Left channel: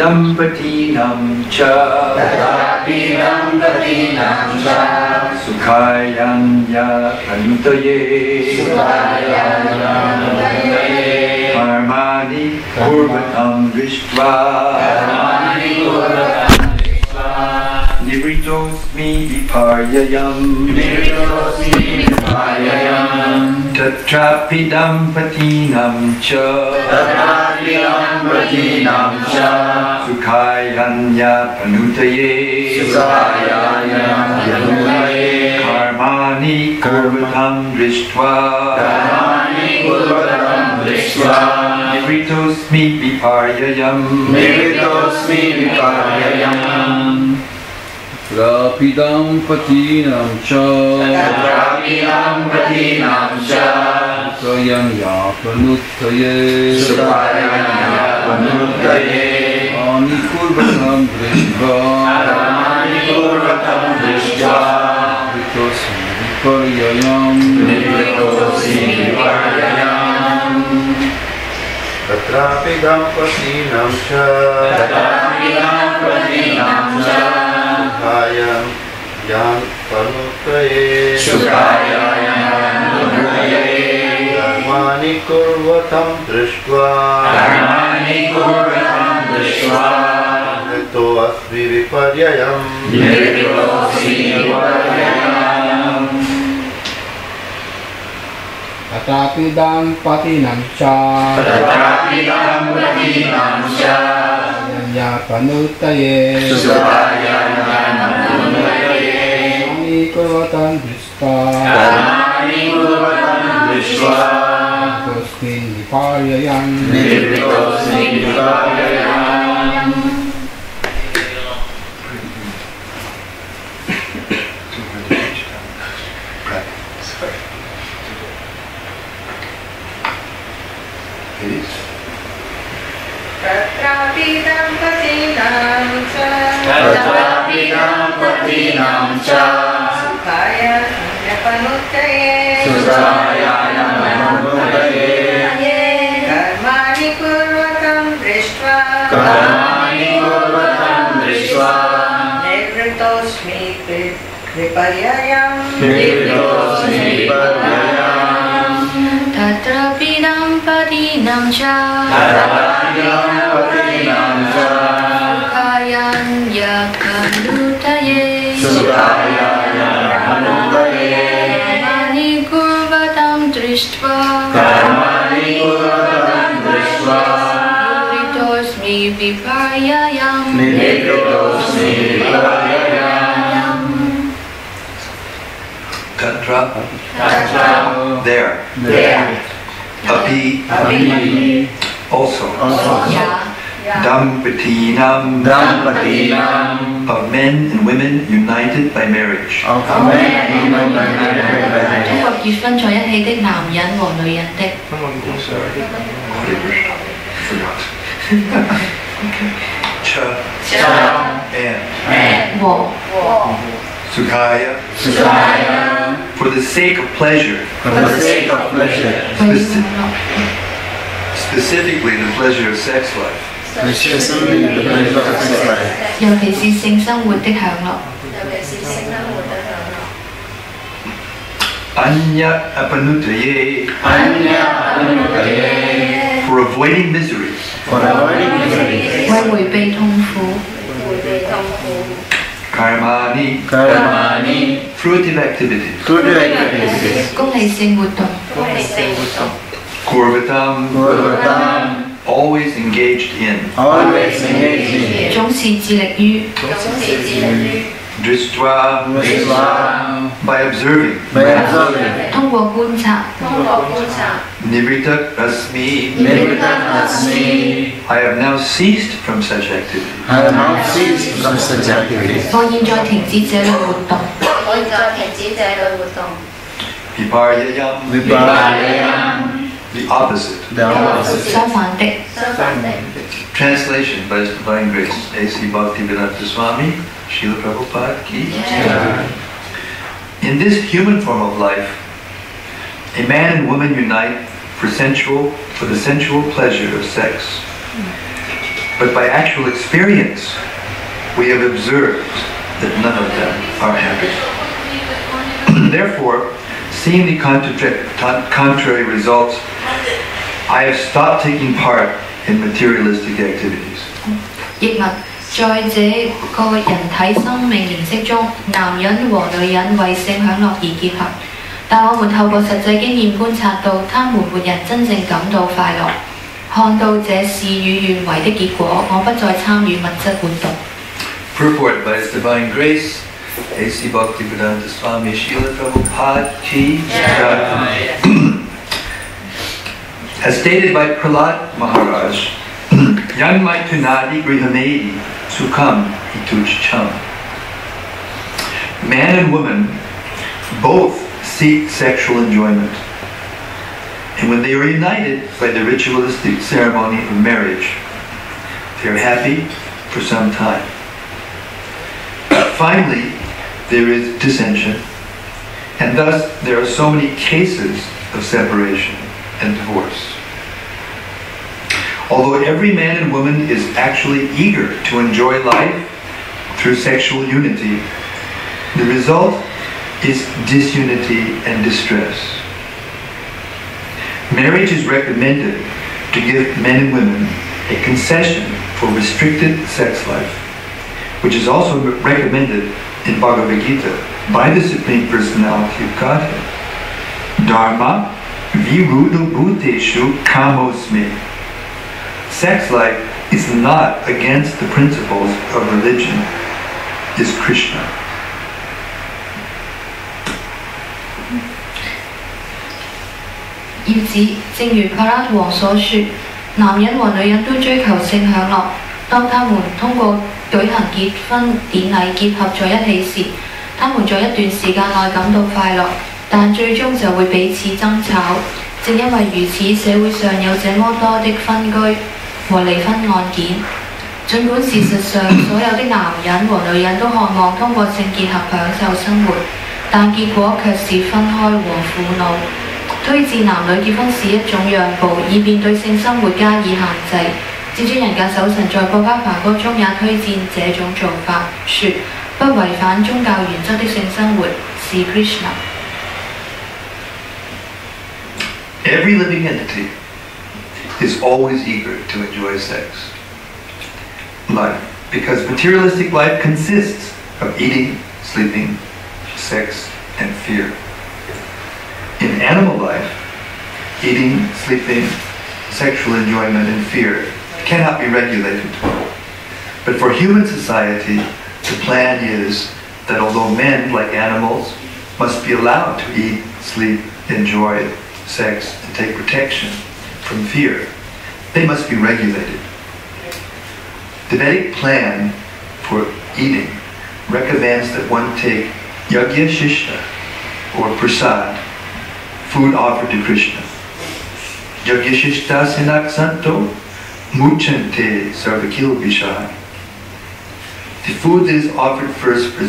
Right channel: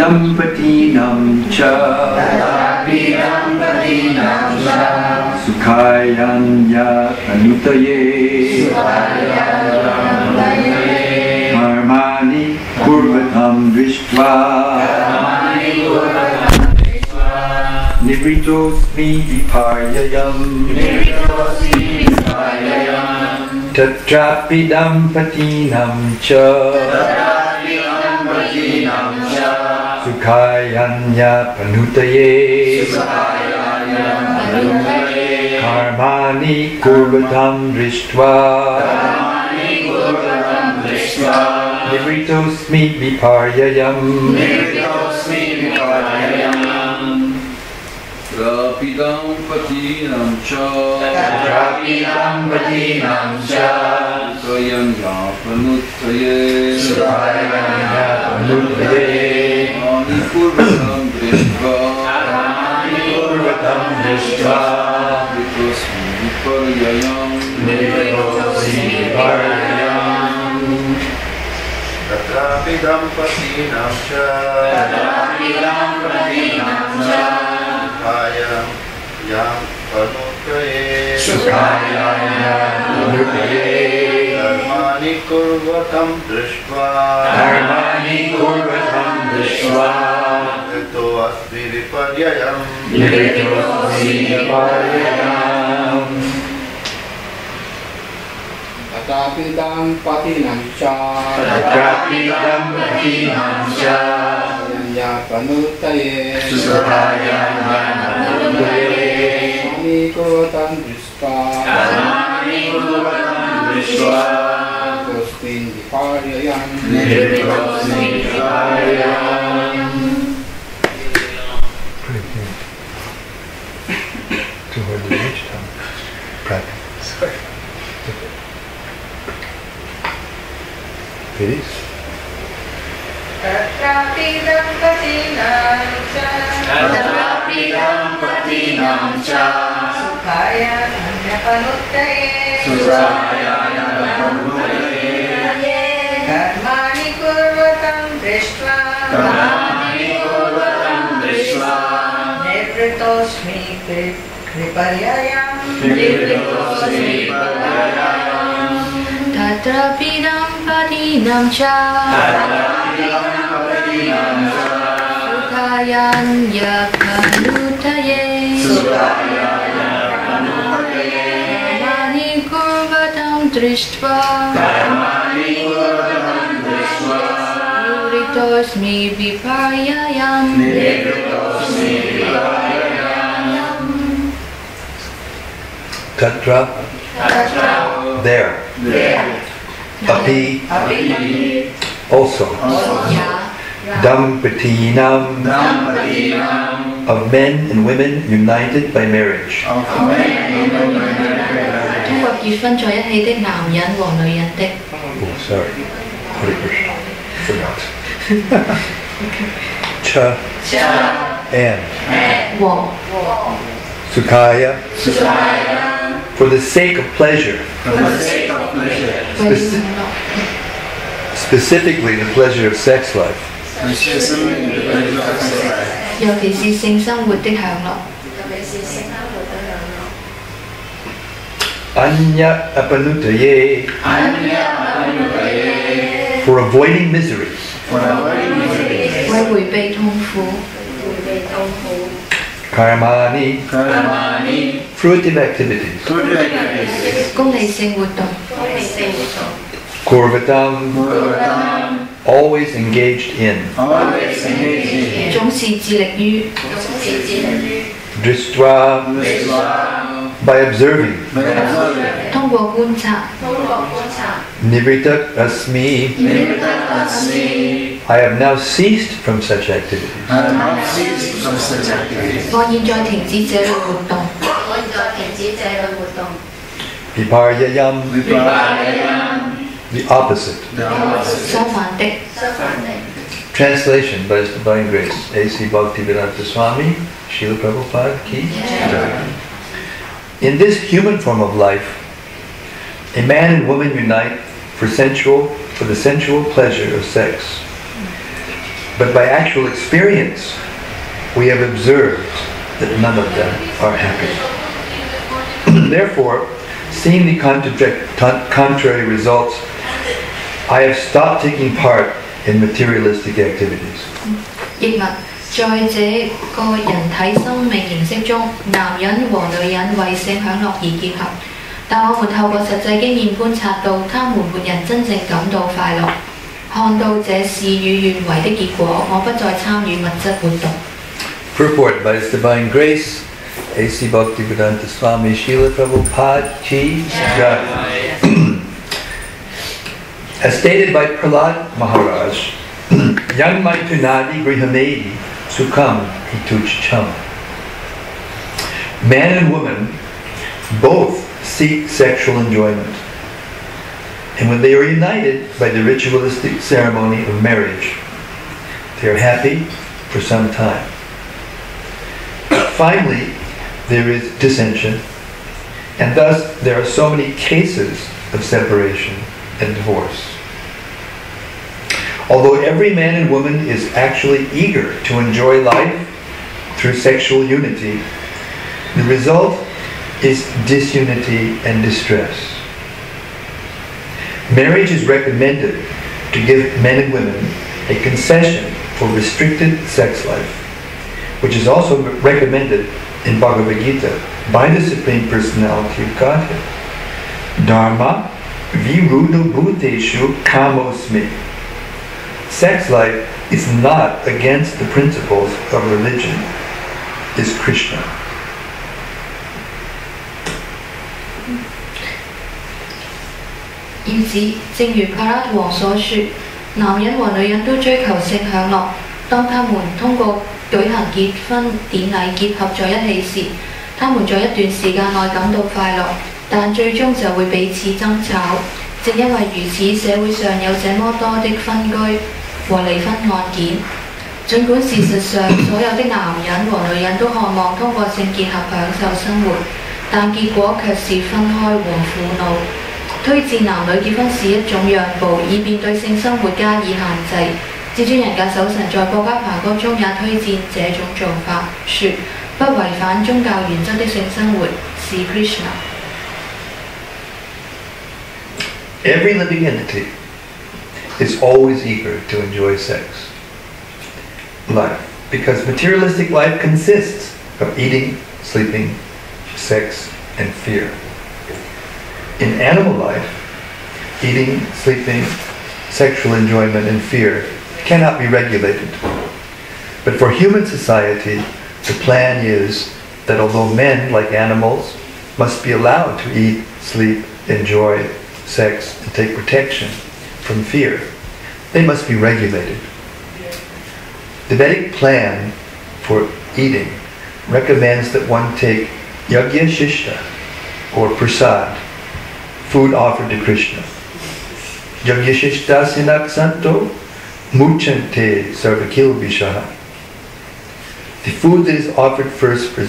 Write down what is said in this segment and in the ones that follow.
Dampatinam cha Sukhayanya Pranutaye Karmani Kurvatam Drishtva Nivritosmi Viparyayam Tatrapi Dampatinam cha Sukhayanya Panutaye Karmani Kurvatam Drishtva Nivritosmi Viparyayam Rapidam patinam cha Sukhayanya Panutaye Karmani Kurvatam Drishtva Nivritosmi Viparyayam Tatrapidam patinam cha Sukhayam Panutaye Karmani Kurvatam Drishtva Nirito Asmi Viparyayam Tatrapidam patinam cha Sukhayanya Panutaye Karmani Kurvatam Drishtva Nirito Viparyayam Please. Tatrapidam patinam cha Sukhayanya Panutaye Karmani Kurvatam Drishtva Nivritosmi Viparyayam Tatrapidam patinam cha Sukhayanya Panutaye Karmani Kurvatam Drishtva Nivritosmi Viparyayam Tatra. There. Api. Also. Dampatinam. Of men and women united by marriage. 通過結婚在一起的男人和女人的。 Sorry. Hare Krishna. Forgot. Cha. And. 和 Sukhaya. For the sake of pleasure. Specifically the pleasure of sex life. 尤其是性生活的享樂。 Anya apanutaye. For avoiding misery. 為迴避痛苦。 Karmani. Fruitive activities. 功利性活動。 Kurvatam. Always engaged in. 總是致力於。 Drishtva. By observing. 通過觀察。 Nivritat asmi. I have now ceased from such activities. 我現在停止這類活動。 Viparyayam. The opposite. 相反的。 Translation by His Divine Grace, A.C. Bhaktivedanta Swami, Srila Prabhupada Ki. In this human form of life, a man and woman unite for the sensual pleasure of sex. but by actual experience, we have observed that none of them are happy. Therefore, seeing the contrary results, I have stopped taking part in materialistic activities. 譯文在這個人體生命形式中，男人和女人為性享樂而結合，但我們透過實際經驗觀察到，他們沒人真正感到快樂。看到這事與願違的結果，我不再參與物質活動。Purport by His Divine Grace, A.C. Bhaktivedanta Swami Srila Prabhupada Ki. As stated by Prahlad Maharaj, Yang Maitunadi Grihamedi Sukham Hituchcham. Man and woman both seek sexual enjoyment. And when they are united by the ritualistic ceremony of marriage, they are happy for some time. Finally, there is dissension, and thus there are so many cases of separation and divorce. Although every man and woman is actually eager to enjoy life through sexual unity, the result is disunity and distress. Marriage is recommended to give men and women a concession for restricted sex life, which is also recommended in Bhagavad Gita by the Supreme Personality of Godhead. Dharma viruddha bhuteshu kamosmi. Sex life is not against the principles of religion, is Krishna. 因此，正如柏拉圖王所說，男人和女人都追求性享樂。當他們通過舉行結婚典禮結合在一起時，他們在一段時間內感到快樂，但最終就會彼此爭吵。正因為如此，社會上有這麼多的分居和離婚案件。儘管事實上所有的男人和女人都渴望通過性結合享受生活，但結果卻是分開和苦惱。推薦男女結婚是一種讓步，以便對性生活加以限制。至尊人格守神在國家梵歌中也推薦這種做法，說不違反宗教原則的性生活是 Krishna。Every living entity is always eager to enjoy sex life, because materialistic life consists of eating, sleeping, sex, and fear. In animal life, eating, sleeping, sexual enjoyment, and fear cannot be regulated. But for human society, the plan is that although men, like animals, must be allowed to eat, sleep, enjoy sex, and take protection from fear, they must be regulated. The Vedic plan for eating recommends that one take yagya shishta, or prasad, food offered to Krishna. Yagya shishta sinak santo muchante sarvakil vishaha. The food that is offered first for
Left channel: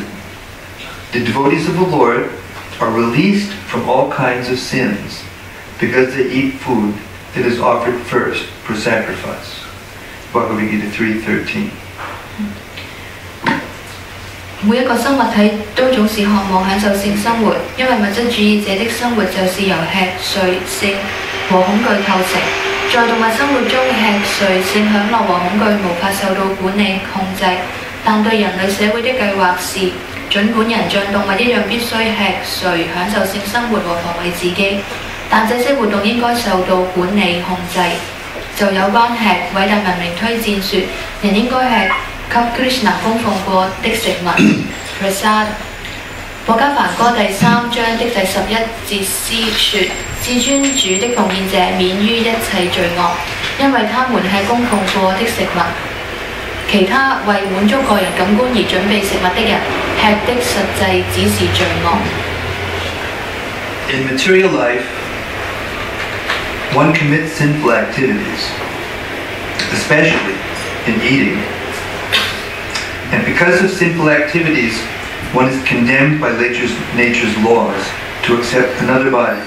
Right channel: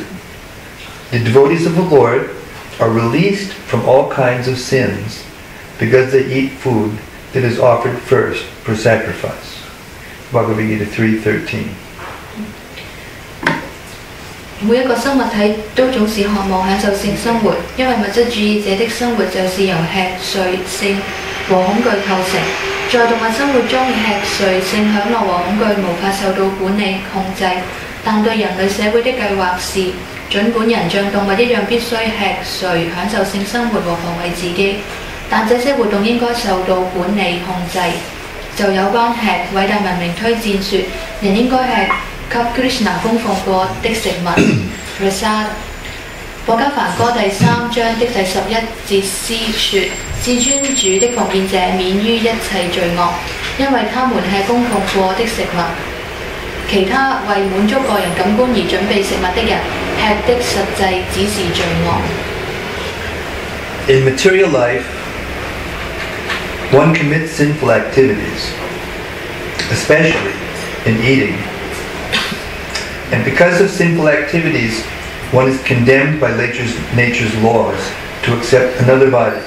the devotees of the Lord are released from all kinds of sins because they eat food that is offered first for sacrifice. Bhagavad Gita 3:13. 每一個生物體都總是渴望享受性生活，因為物質主義者的生活就是由吃、睡、性和恐懼構成。在動物生活中，吃、睡、性享樂和恐懼無法受到管理控制，但對人類社會的計劃是，儘管人像動物一樣必須吃、睡、享受性生活和防衛自己，但這些活動應該受到管理控制。就有關吃，偉大文明推薦說，人應該吃給 Krishna 供奉過的食物 prasad。國家梵歌第3章的第11節詩說：至尊主的奉獻者免於一切罪惡，因為他們吃供奉過的食物。其他為滿足個人感官而準備食物的人，吃的實際只是罪惡。In material life, one commits sinful activities, especially in eating. And because of sinful activities, one is condemned by nature's laws to accept another body,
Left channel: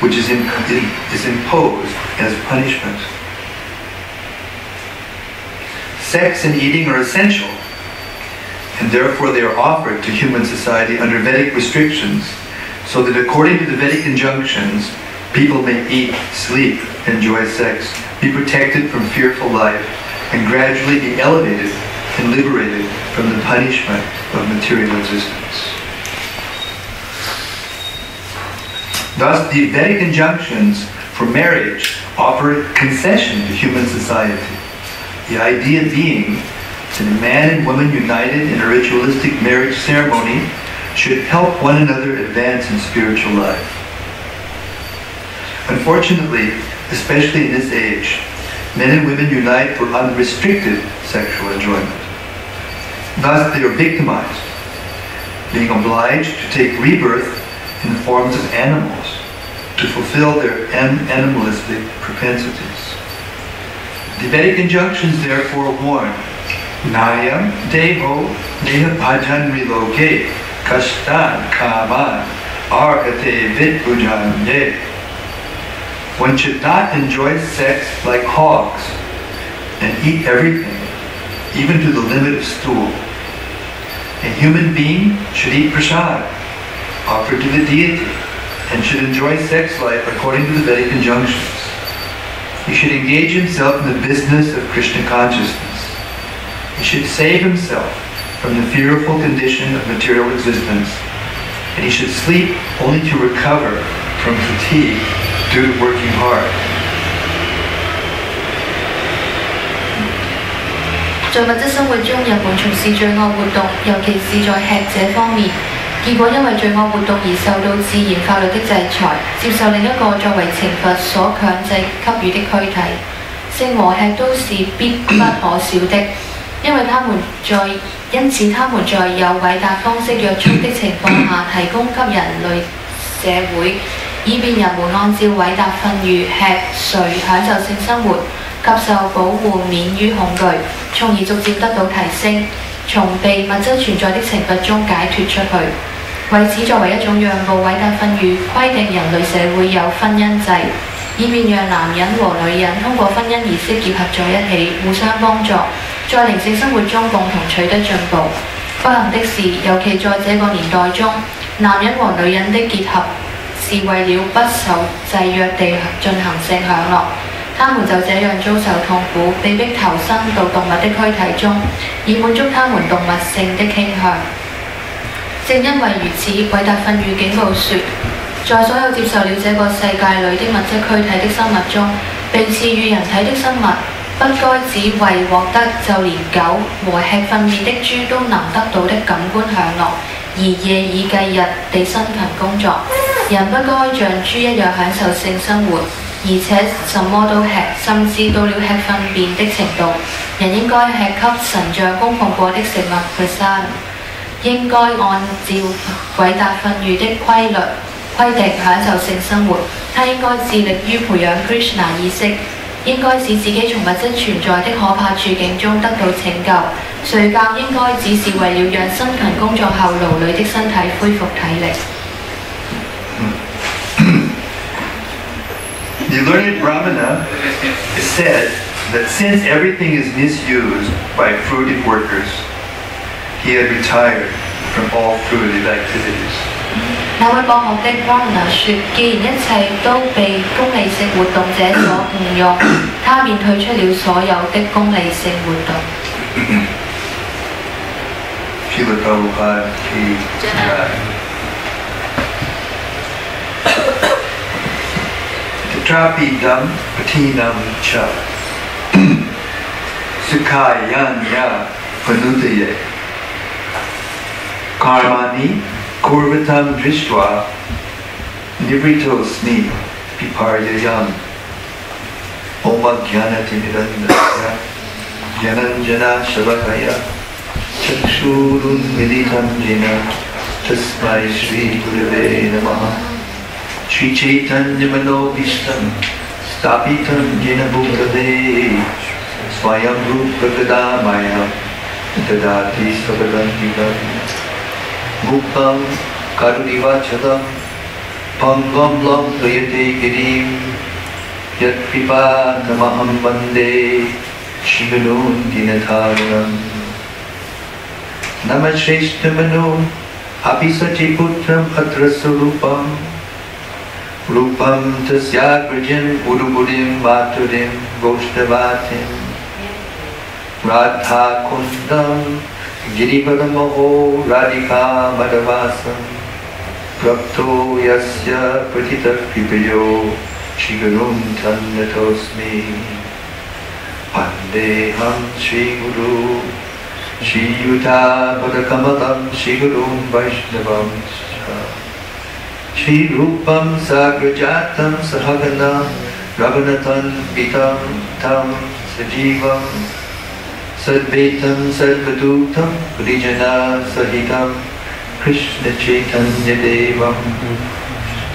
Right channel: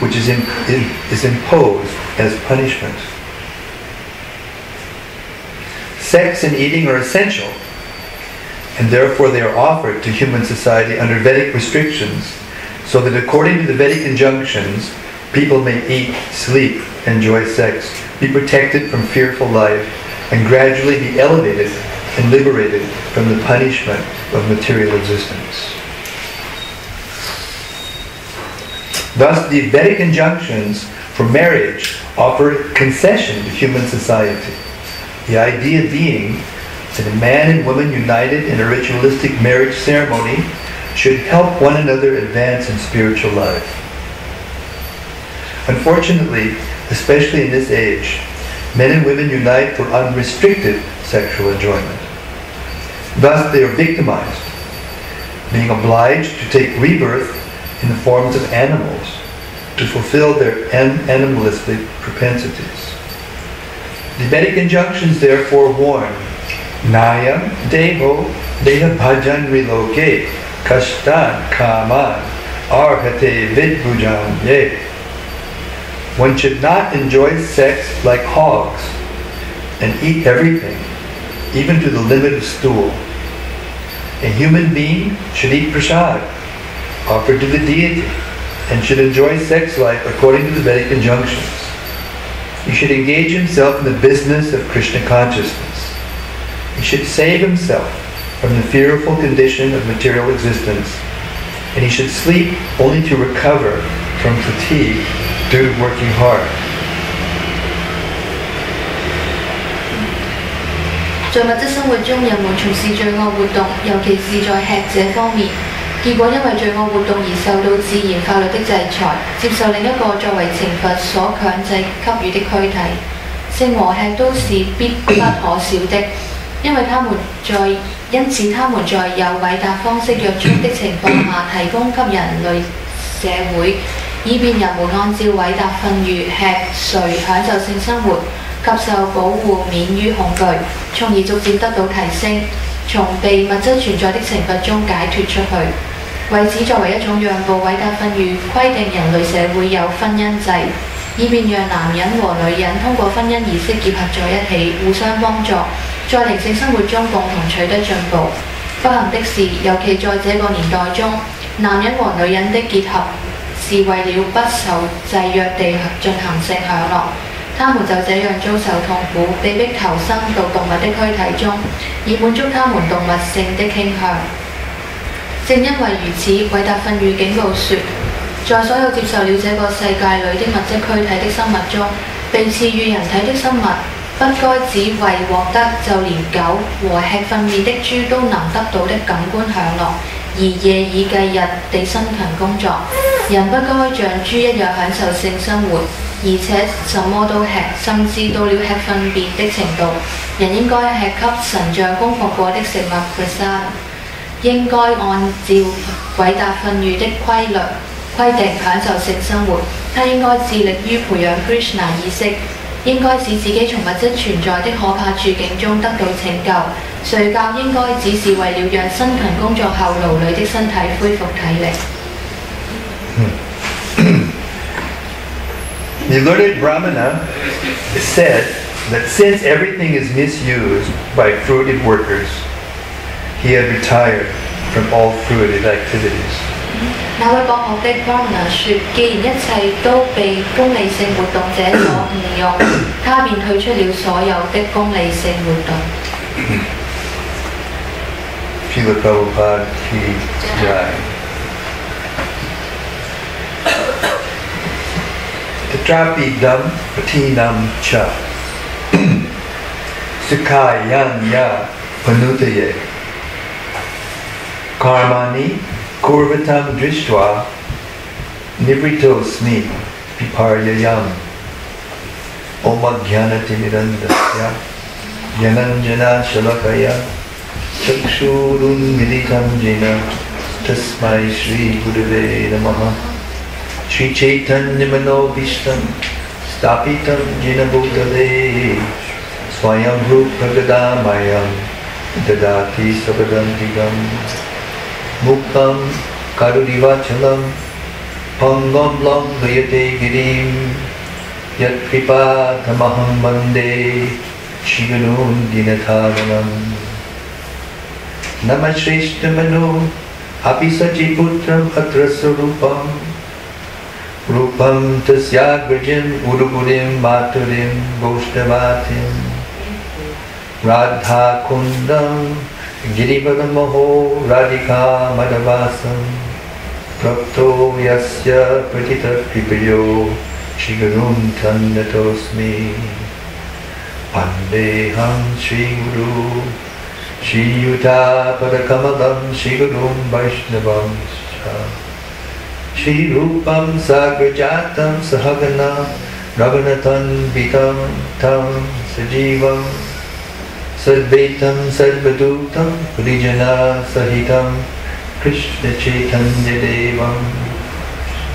which is imposed as punishment. sex and eating are essential, and therefore they are offered to human society under Vedic restrictions, so that according to the Vedic injunctions, people may eat, sleep, enjoy sex, be protected from fearful life, and gradually be elevated and liberated from the punishment of material existence. Thus, the Vedic injunctions for marriage offer concession to human society. The idea being that a man and woman united in a ritualistic marriage ceremony should help one another advance in spiritual life. Unfortunately, especially in this age, men and women unite for unrestricted sexual enjoyment. Thus, they are victimized, being obliged to take rebirth in the forms of animals to fulfill their animalistic propensities. The Vedic injunctions therefore warn, Nayam deho deha bhajan riloke kashtan kaman arhate vidbhujan ye. One should not enjoy sex like hogs and eat everything, even to the limit of stool. A human being should eat prasad, offered to the deity, and should enjoy sex life according to the Vedic injunctions. He should engage himself in the business of Krishna consciousness. He should save himself from the fearful condition of material existence, and he should sleep only to recover from fatigue due to working hard. 在物質生活中，人們從事罪惡活動，尤其是在吃這方面，結果因為罪惡活動而受到自然法律的制裁，接受另一個作為懲罰所強制給予的軀體。性和吃都是必不可少的，因此他們在有偉大方式約束的情況下，提供給人類社會，以便人們按照偉大訓諭吃睡享受性生活，及受保護免於恐懼，從而逐漸得到提升，從被物質存在的懲罰中解脫出去。為此，作為一種讓步，偉大訓諭規定人類社會有婚姻制，以便讓男人和女人通過婚姻儀式結合在一起，互相幫助，在靈性生活中共同取得進步。不幸的是，尤其在這個年代中，男人和女人的結合是為了不受制約地進行性享樂，他們就這樣遭受痛苦，被迫投身到動物的軀體中，以滿足他們動物性的傾向。正因為如此，偉大訓諭警告說，在所有接受了這個世界裏的物質軀體的生物中，被賜予人體的生物，不該只為獲得就連狗和吃糞便的豬都能得到的感官享樂，而夜以繼日地辛勤工作。人不該像豬一樣享受性生活，而且什麼都吃，甚至到了吃糞便的程度。人應該吃給神像供奉過的食物 prasad， 應該按照偉大訓諭的規定享受性生活。他應該致力於培養 Krishna 意識，應該使自己從物質存在的可怕處境中得到拯救。睡覺應該只是為了讓辛勤工作後勞累的身體恢復體力。The learned Brahmana said that since everything is misused by fruitive workers, he had retired from all fruitive activities. 那位博學的 Brahmana 說：既然一切都被功利性活動者所誤用，他便退出了所有的功利性活動。Srila Prabhupada ki jai. Kbdg Hk Sukayanya Panutaye Karmani Kurvatam Drishtva Nivritosmi Piparyayam Omagyanatimirandasya Yananjana Shalakaya Chakshurun Militam Jena Tasmai Shri Gurave Namaha Shri Chaitanya Manobhishtam Stapitam Jena Bhutale Swayam Rupa Gadamayam Dadati Sabadantidam Muktam Karunivachalam Pangam Langayate Girim Yat Kripatamaham Vande Shivanun Dinataranam Namashreshtamanu Apisachiputram Atrasarupam Rupam Tasyagrajam Urubudim Maturim Goshtavatim Radha Kundam Girivadamaho Radhika Madhavasam Prapto Yasya Pratita Kripayo Shigarun Tannatosmi Pandeham Shri Guru Shri Yuta Padakamalam Shri Gurum Vaishnavam Shri Rupam Sagrajatam Sahagana Raghunathan Vitam Tam Sajivam Sadvaitam Sadvadutam Purijana Sahitam Krishna Chaitanya Devam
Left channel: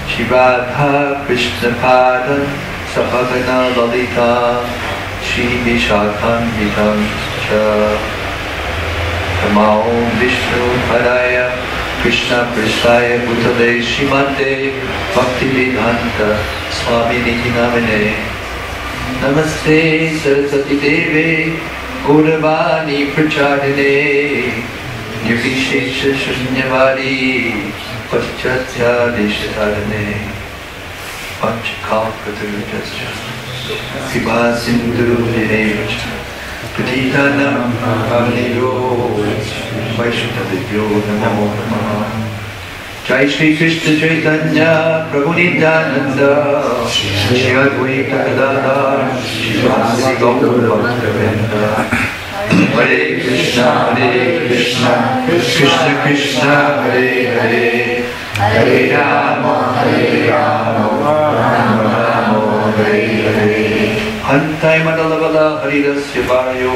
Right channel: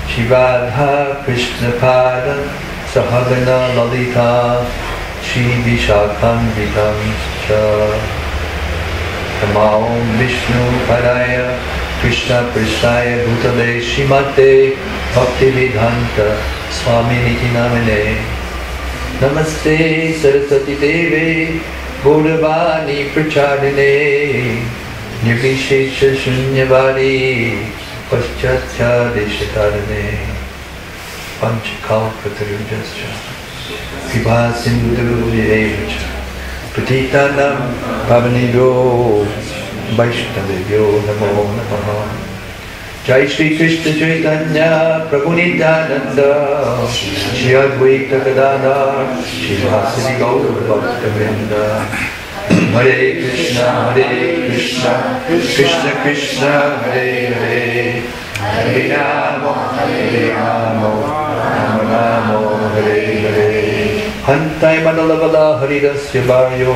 Shri Radha Krishna Pada Sahagana Lalita Shri Vishakhanvitam Cha Namo Vishnu Padaya Krishna Prasthaya Bhutale Shrimate Bhaktivedanta Swami Niti Namine Namaste Saraswati Deve Gauravani Pracharine Nirvishesha Shunyavadi Paschatya Deshatarane Panchakalpatarujascha Kripa Sindhu Niremacha Patitanam Pavanebhyo Vaishnavebhyo Namo Namaha Jai Shri Krishna Chaitanya Prabhu Nityananda Shri Advaita Gadadhar Shri Vasudeva Gaura Bhakta Hare Krishna Krishna Krishna Hare Hare Hare Rama Rama Rama Hare Hare Hantai Madalavala Haridasya Bharyo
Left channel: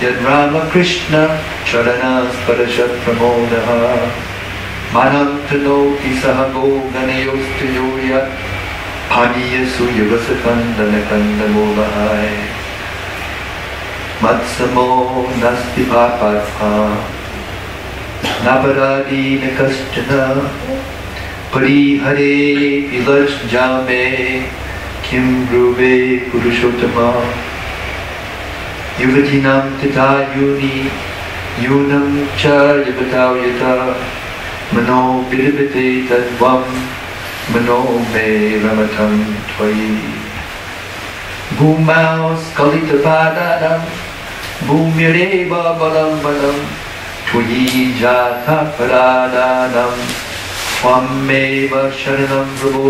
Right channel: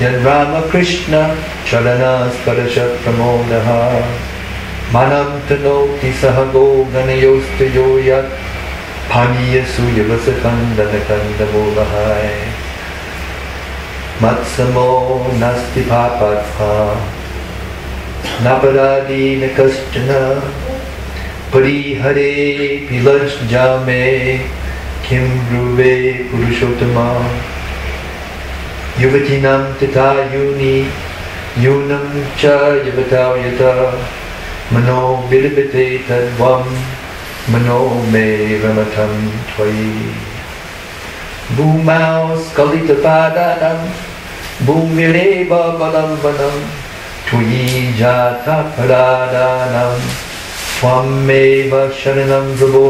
Yad Rama Krishna Charanas Parashat Pramodaha Manam Tanoti Sahago Ganayostayo Yat Paniyasu Yavasakandana Kandamolahai Matsamo Nasti Papatha Naparadi Nakaschana Parihare Vilaj Jame Kim Ruve Purushottama Yuvatinam Tata Yuni Yunam Cha Yavatayata Mano Vilibate Tadvam Mano Me Ramatam Tvai Bhumau Skalita Padadam Bhumireva Balalvanam Tvayi Jata Paradanam Swameva Sharanam Prabho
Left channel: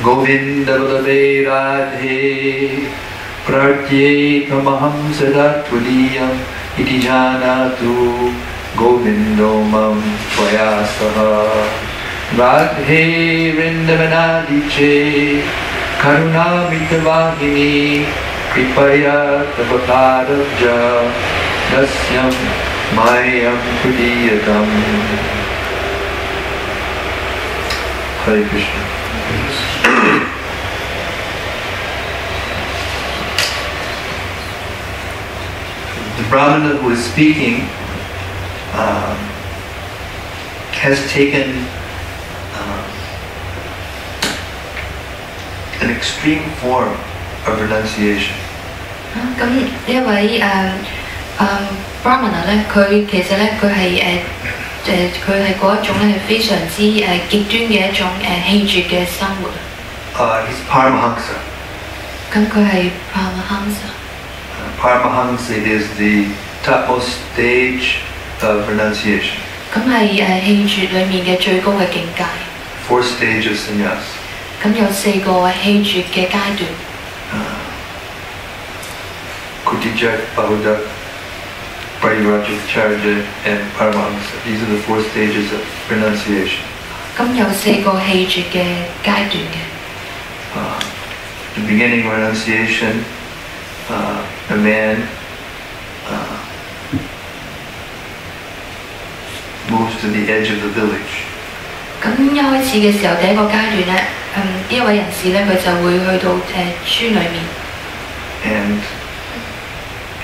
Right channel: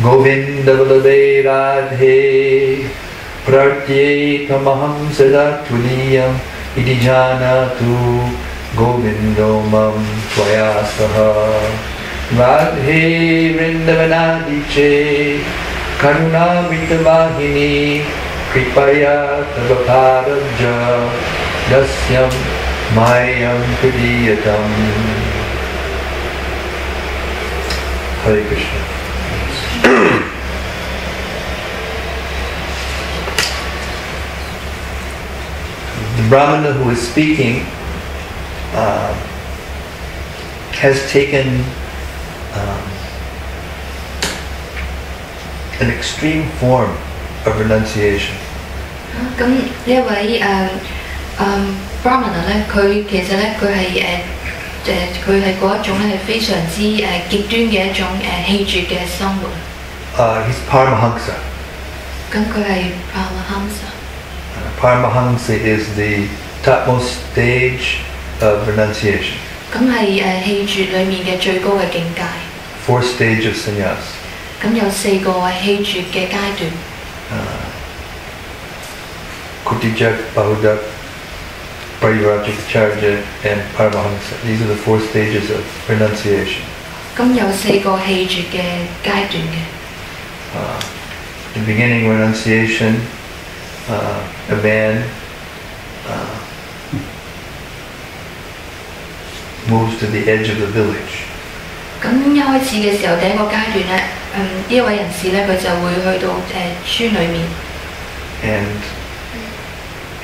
Govinda Vallabhe Radhe Pratyekamaham Sada Tvadiyam Iti Janatu Govindo Mam Tvaya Saha Radhe Vrindavanadiche Karuna Vitavahini Kripaya Tavakarabja Dasyam Mayam Padiyatam Hare Krishna. The Brahmana who is speaking has taken an extreme form of renunciation.咁呢一位Brahmana 咧，佢其實咧佢係佢係嗰一種咧係非常之極端嘅一種棄絕嘅生活。He's Paramahamsa. 咁佢係 Paramahamsa。Paramahamsa is the topmost stage of renunciation. 咁係棄絕裡面嘅最高嘅境界。Fourth stage of sannyas. 咁有4個棄絕嘅階段。Kutijak, Bahudak, Parivrajacharya, and Paramahamsa. These are the 4 stages of renunciation. 咁有4個棄絕嘅階段嘅。The beginning of renunciation, a man moves to the edge of the village. 咁一開始嘅時候，第一個階段咧，呢一位人士咧，佢就會去到村裏面。And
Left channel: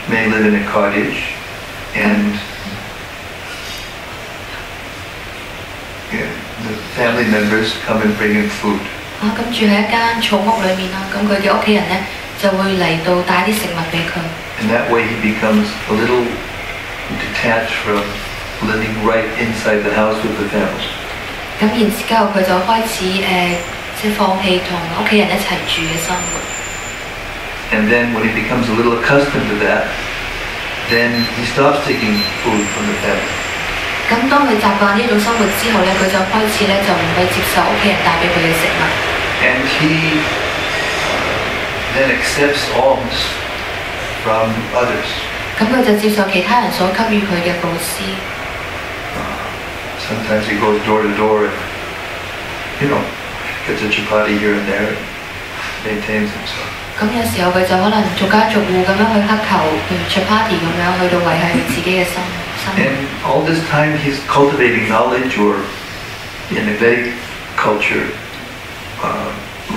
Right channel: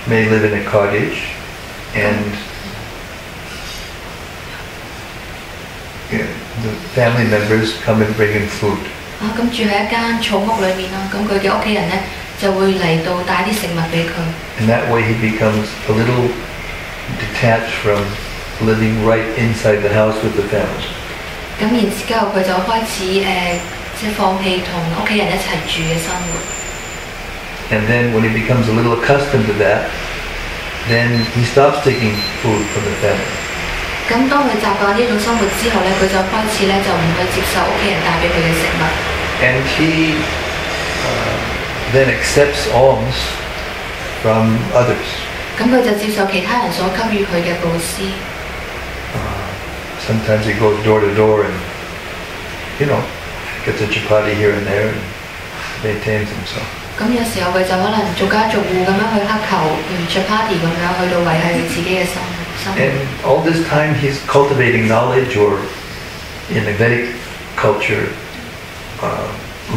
may live in a cottage, and the family members come and bring him food. 咁住喺一間草屋裏面啦，咁佢嘅屋企人咧就會嚟到帶啲食物俾佢。And that way he becomes a little detached from living right inside the house with the family. 咁然之後佢就開始即係放棄同屋企人一齊住嘅生活。And then when he becomes a little accustomed to that, then he stops taking food from the family. 咁當佢習慣呢種生活之後咧，佢就開始咧就唔去接受屋企人帶俾佢嘅食物。And he then accepts alms from others. 咁佢就接受其他人所給予佢嘅布施。Sometimes he goes door to door and, gets a chapati here and there and maintains himself. 咁有時候佢就可能逐家逐戶咁樣去乞求，譬如 chapati 咁樣去到維繫佢自己嘅生活。And all this time he's cultivating knowledge, or in the Vedic culture,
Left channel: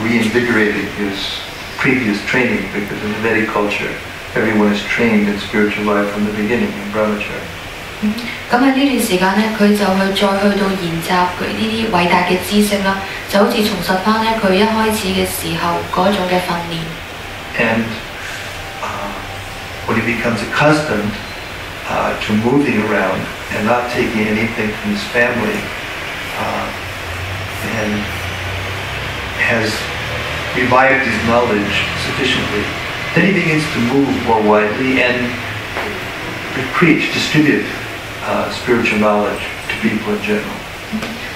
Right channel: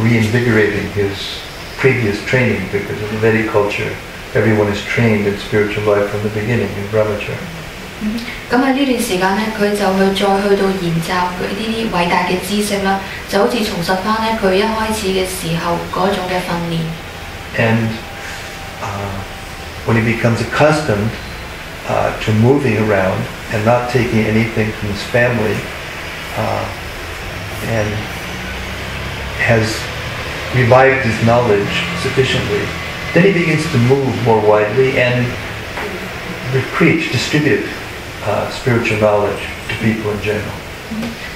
reinvigorating his previous training, because in the Vedic culture everyone is trained in spiritual life from the beginning in brahmacharya. 咁喺呢段時間咧，佢就再去到研習佢呢啲偉大嘅知識啦，就好似重拾翻咧佢一開始嘅時候嗰種嘅訓練。And when he becomes accustomed to moving around and not taking anything from his family, and has revived his knowledge sufficiently, then he begins to move more widely and preach, distribute spiritual knowledge to people in general.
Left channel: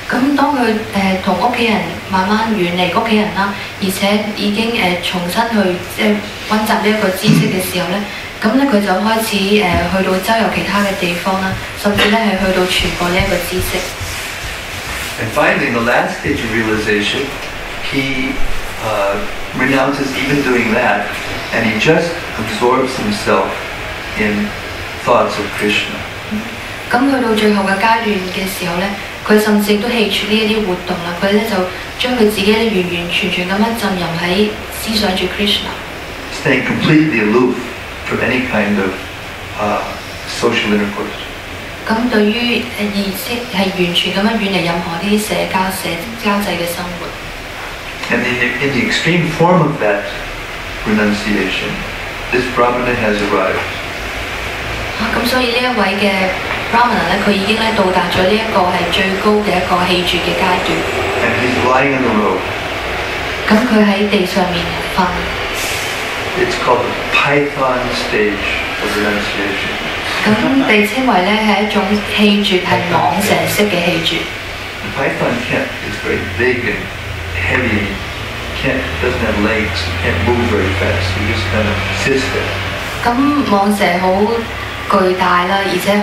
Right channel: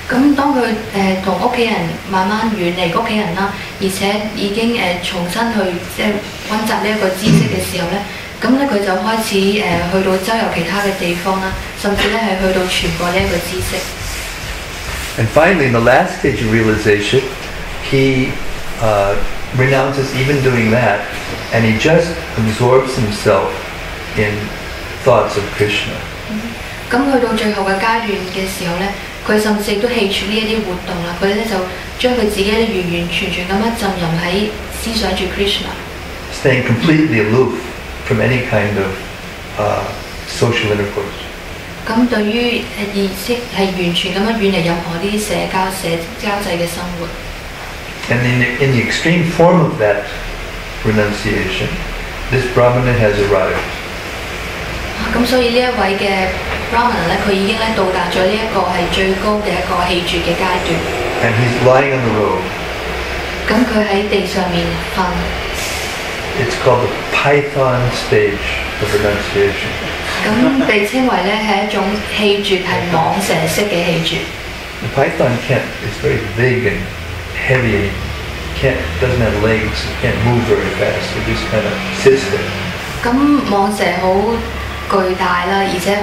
咁當佢同屋企人慢慢遠離屋企人啦，而且已經重新去即係温習呢一個知識嘅時候咧，咁咧佢就開始去到周遊其他嘅地方啦，甚至咧係去到傳播呢一個知識。And finally, in the last stage of realization, he renounces even doing that, and he just absorbs himself in thoughts of Krishna. 咁去到最後嘅階段嘅時候咧，佢甚至都棄絕呢一啲活動啦，佢咧就將佢自己咧完完全全咁樣浸淫喺思想住 Krishna， staying completely aloof from any kind of social intercourse. 咁對於意識係完全咁樣遠離任何啲社交際嘅生活。And in the extreme form of that renunciation, this Brahmana has arrived. 咁所以呢一位嘅 Brahmana 咧，佢已經咧到達咗呢一個係最高嘅一個棄絕嘅階段。And he's lying on the road. 咁佢喺地上面瞓。It's called the Python stage of renunciation. 咁被稱為咧係一種棄絕，係蟒蛇式嘅棄絕。The python is very big and heavy. Doesn't have legs. It can't move very fast. It just kind of sits there. 咁蟒蛇好巨大啦，而且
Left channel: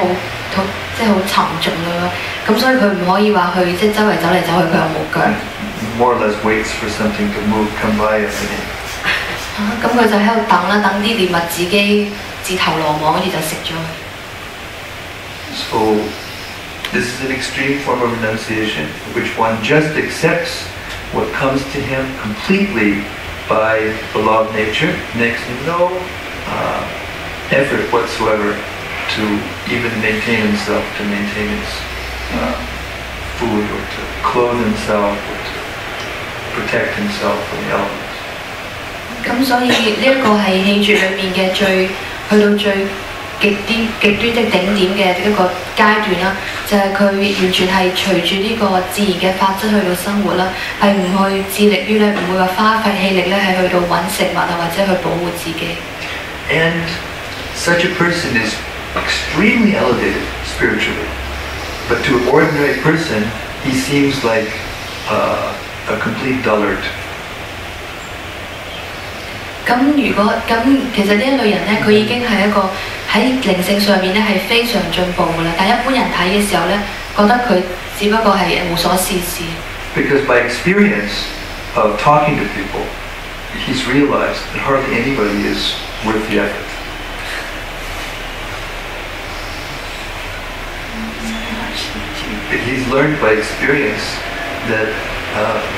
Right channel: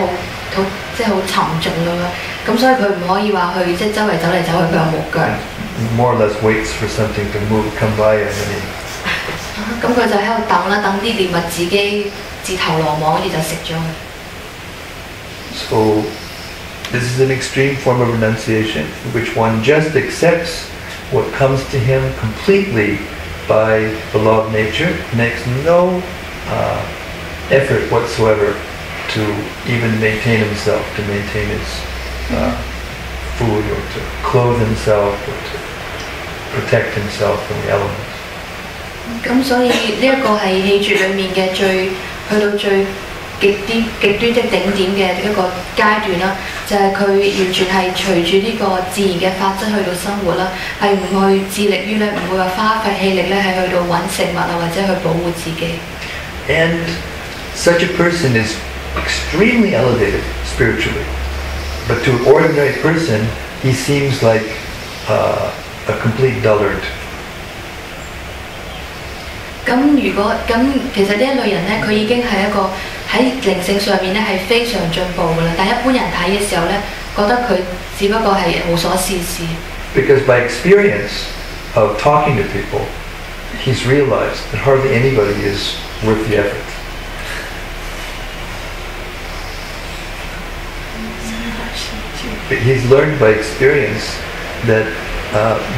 即係好沉重咁樣，咁所以佢唔可以話去即係周圍走嚟走去，佢又冇腳。More or less waits for something to move, come by, and then 咁佢就喺度等啦，等啲獵物自己自投羅網，跟住就食咗佢。So this is an extreme form of renunciation, in which one just accepts what comes to him completely by the law of nature, makes no effort whatsoever to even maintain himself, to maintain his food, or to clothe himself, or to protect himself from the elements. 咁所以呢一個係棄絕裡面嘅去到最極端的頂點嘅一個階段啦，就係佢完全係隨住呢個自然嘅法則去到生活啦，係唔去致力於咧，唔會話花費氣力咧係去到揾食物啊，或者去保護自己。And such a person is extremely elevated spiritually, but to an ordinary person, he seems like a complete dullard. 其實呢一類人咧，佢已經係一個喺靈性上面咧係非常進步㗎啦。但一般人睇嘅時候咧，覺得佢只不過係無所事事。Because by experience of talking to people, he's realized that hardly anybody is worth the effort. He's learned by experience that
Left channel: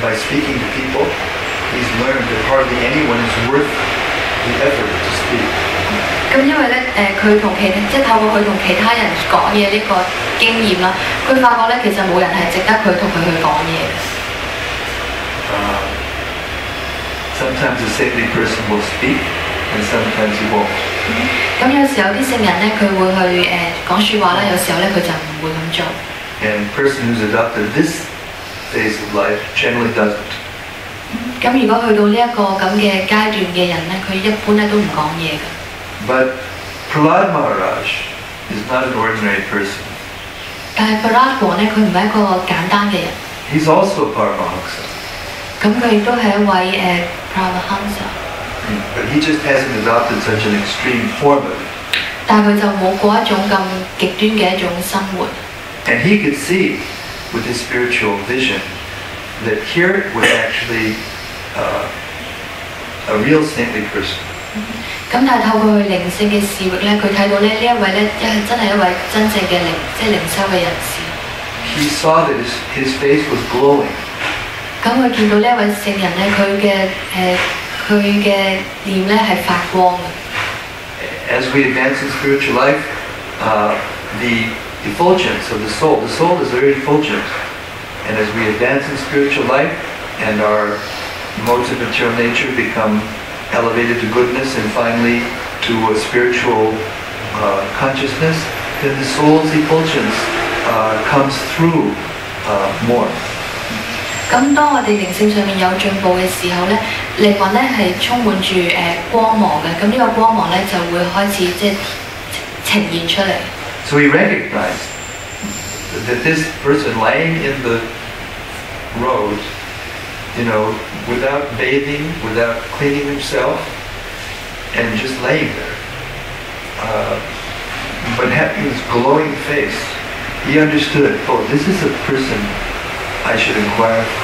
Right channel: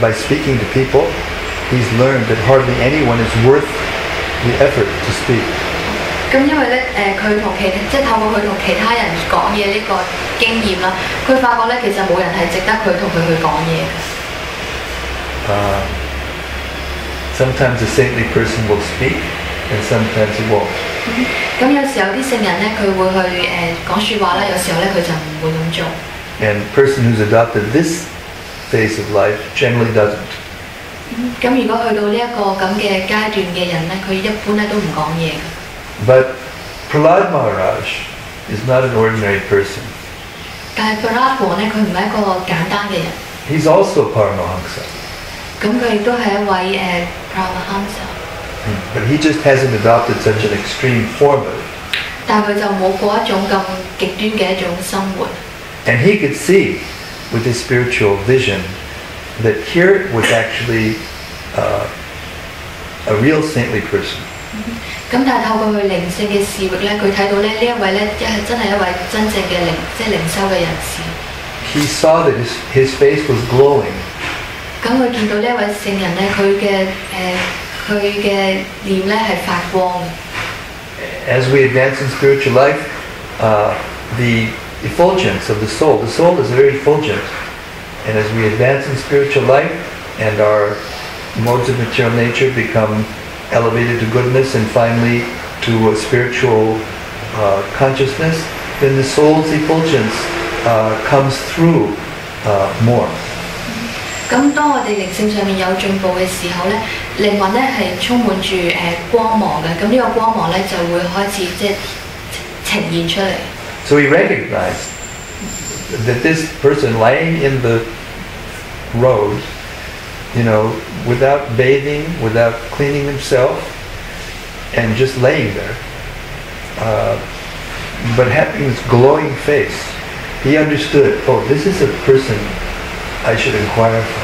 by speaking to people, he's learned that hardly anyone is worth the effort to speak. 咁因為咧，佢同即係透過佢同其他人講嘢呢個經驗啦，佢發覺咧其實冇人係值得佢同佢去講嘢嘅。sometimes a saintly person will speak, and sometimes he won't. 咁有時候啲聖人咧，佢會去講説話啦，有時候咧佢就唔會咁做。And a person who's adopted this phase of life generally doesn't. 咁如果去到呢一個咁嘅階段嘅人咧，佢一般咧都唔講嘢嘅。But Prahlad Maharaj is not an ordinary person. 但係 Prahlad 王咧，佢唔係一個簡單嘅人。He's also Paramahamsa. 咁佢亦都係一位Paramahamsa。But he just hasn't adopted such an extreme form of it. 但係佢就冇過一種咁極端嘅一種生活。And he could see with his spiritual vision that here was actually a real saintly person. 咁但係透過佢靈性嘅視域咧，佢睇到咧呢一位咧，真係一位真正嘅靈修嘅人士。He saw that his face was glowing. 咁佢見到呢一位聖人咧，佢嘅臉咧係發光嘅。As we advance in spiritual life, the effulgence of the soul is very effulgent. And as we advance in spiritual life and our modes of material nature become elevated to goodness and finally to a spiritual consciousness, then the soul's effulgence comes through more. 咁當我哋靈性上面有進步嘅時候咧，靈魂咧係充滿住光芒嘅，咁呢個光芒咧就會開始呈現出嚟。So he recognized that this person laying in the road, without bathing, without cleaning himself, and just laying there, but having this glowing face, he understood, oh, this is a person I should inquire for.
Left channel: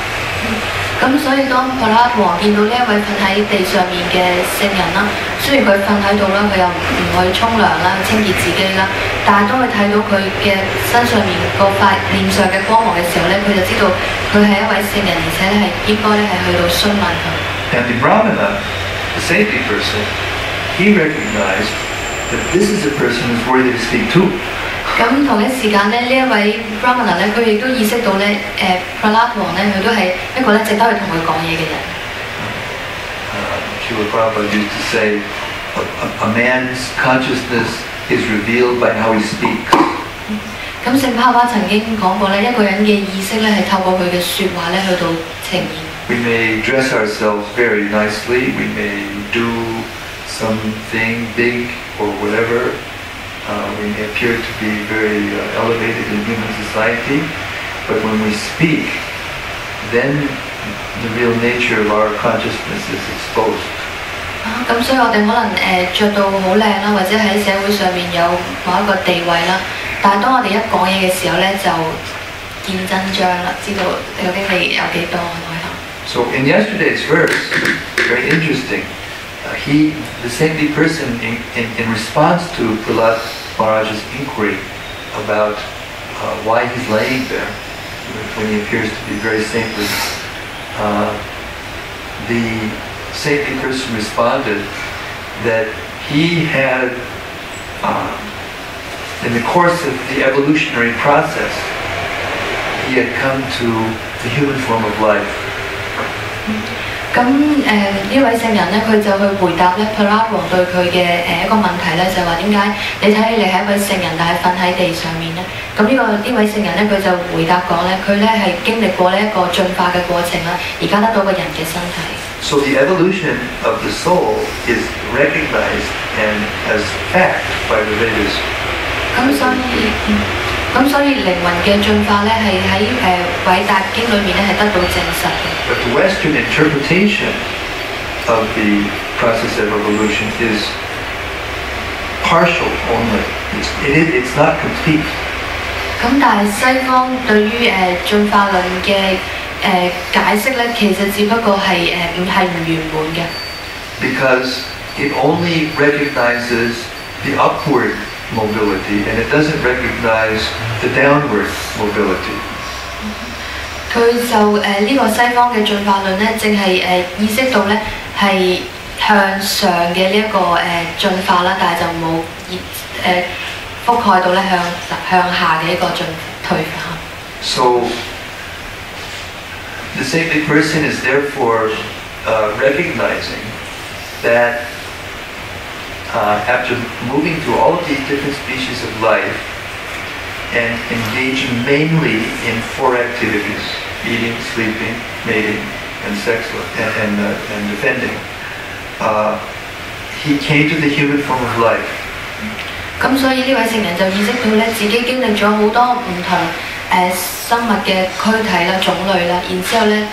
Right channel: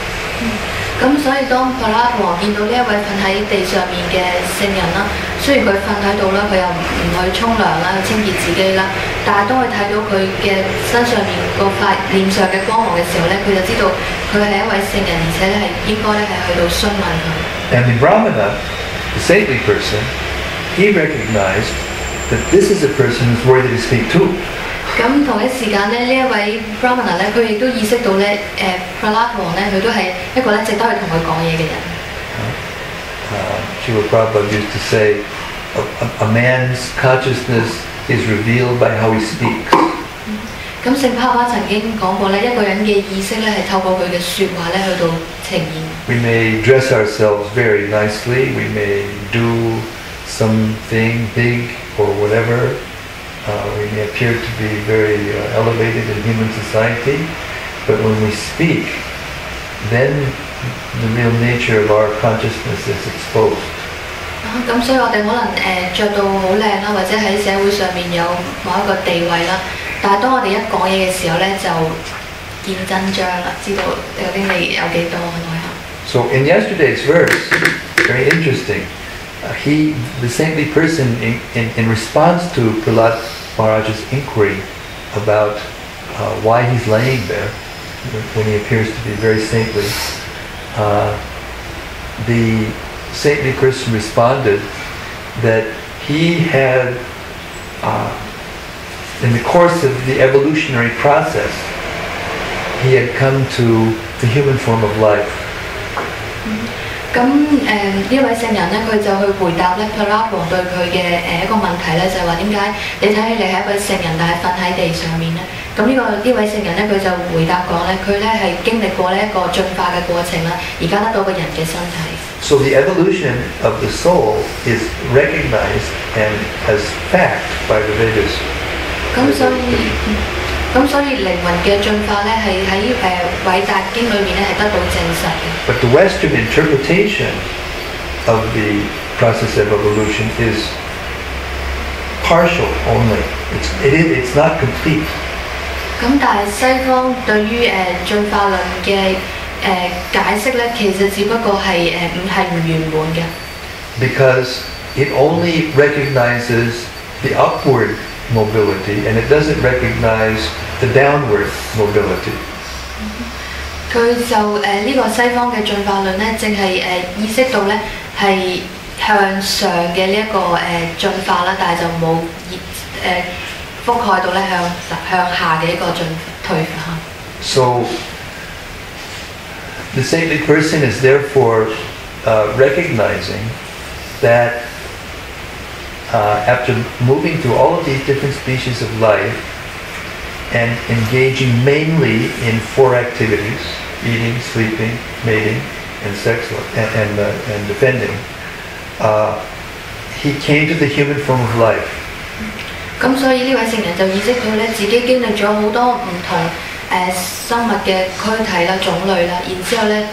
咁所以當柏拉王見到呢一位瞓喺地上面嘅聖人啦，雖然佢瞓喺度啦，佢又唔去沖涼啦，去清潔自己啦，但係當佢睇到佢嘅身上面個塊臉上嘅光芒嘅時候咧，佢就知道佢係一位聖人，而且咧係應該咧係去到詢問佢。And the Brahmana, the saintly person, he recognized that this is a person who's worthy to speak to. 咁同一時間咧，呢一位 Brahmana 咧，佢亦都意識到咧，柏拉王咧，佢都係一個咧值得去同佢講嘢嘅人。Srila Prabhupada used to say, a man's consciousness is revealed by how he speaks. 咁聖帕巴曾經講過咧，一個人嘅意識咧係透過佢嘅説話咧去到呈現。We may dress ourselves very nicely, we may do something big or whatever. We may appear to be very elevated in human society, but when we speak, then the real nature of our consciousness is exposed. 咁所以我哋可能着到好靚啦，或者喺社會上面有某一個地位啦，但係當我哋一講嘢嘅時候咧，就見真章啦，知道究竟你有幾多內涵。So in yesterday's verse, very interesting. The saintly person, in response to Prahlad Maharaj's inquiry about why he's laying there, when he appears to be very saintly, the saintly person responded that he had, in the course of the evolutionary process, he had come to the human form of life. 咁呢位聖人咧，佢就去回答咧柏拉王對佢嘅一個問題咧，就係話點解你睇起嚟係一位聖人，但係瞓喺地上面咧？咁呢位聖人咧，佢就回答講咧，佢咧係經歷過呢一個進化嘅過程啦，而家得到個人嘅身體。So the evolution of the soul is recognized and as fact by the Vedas. 咁所以靈魂嘅進化咧，係喺偉大經裏面咧係得到證實嘅。But the Western interpretation of the process of evolution is partial only. It's not complete. 咁但係西方對於進化論嘅解釋咧，其實只不過係唔圓滿嘅。Because it only recognizes the upward mobility and it doesn't recognize the downward mobility. 佢就呢個西方嘅進化論咧，淨係意識到咧係向上嘅呢一個進化啦，但係就冇覆蓋到咧向下嘅一個退化。So the saintly person is therefore recognizing that after moving through all of these different species of life and engaging mainly in 4 activities: eating, sleeping, mating, and sex, and defending, he came to the human form of life. 咁所以呢位聖人就意識到咧，自己經歷咗好多唔同生物嘅軀體啦、種類啦，然之後咧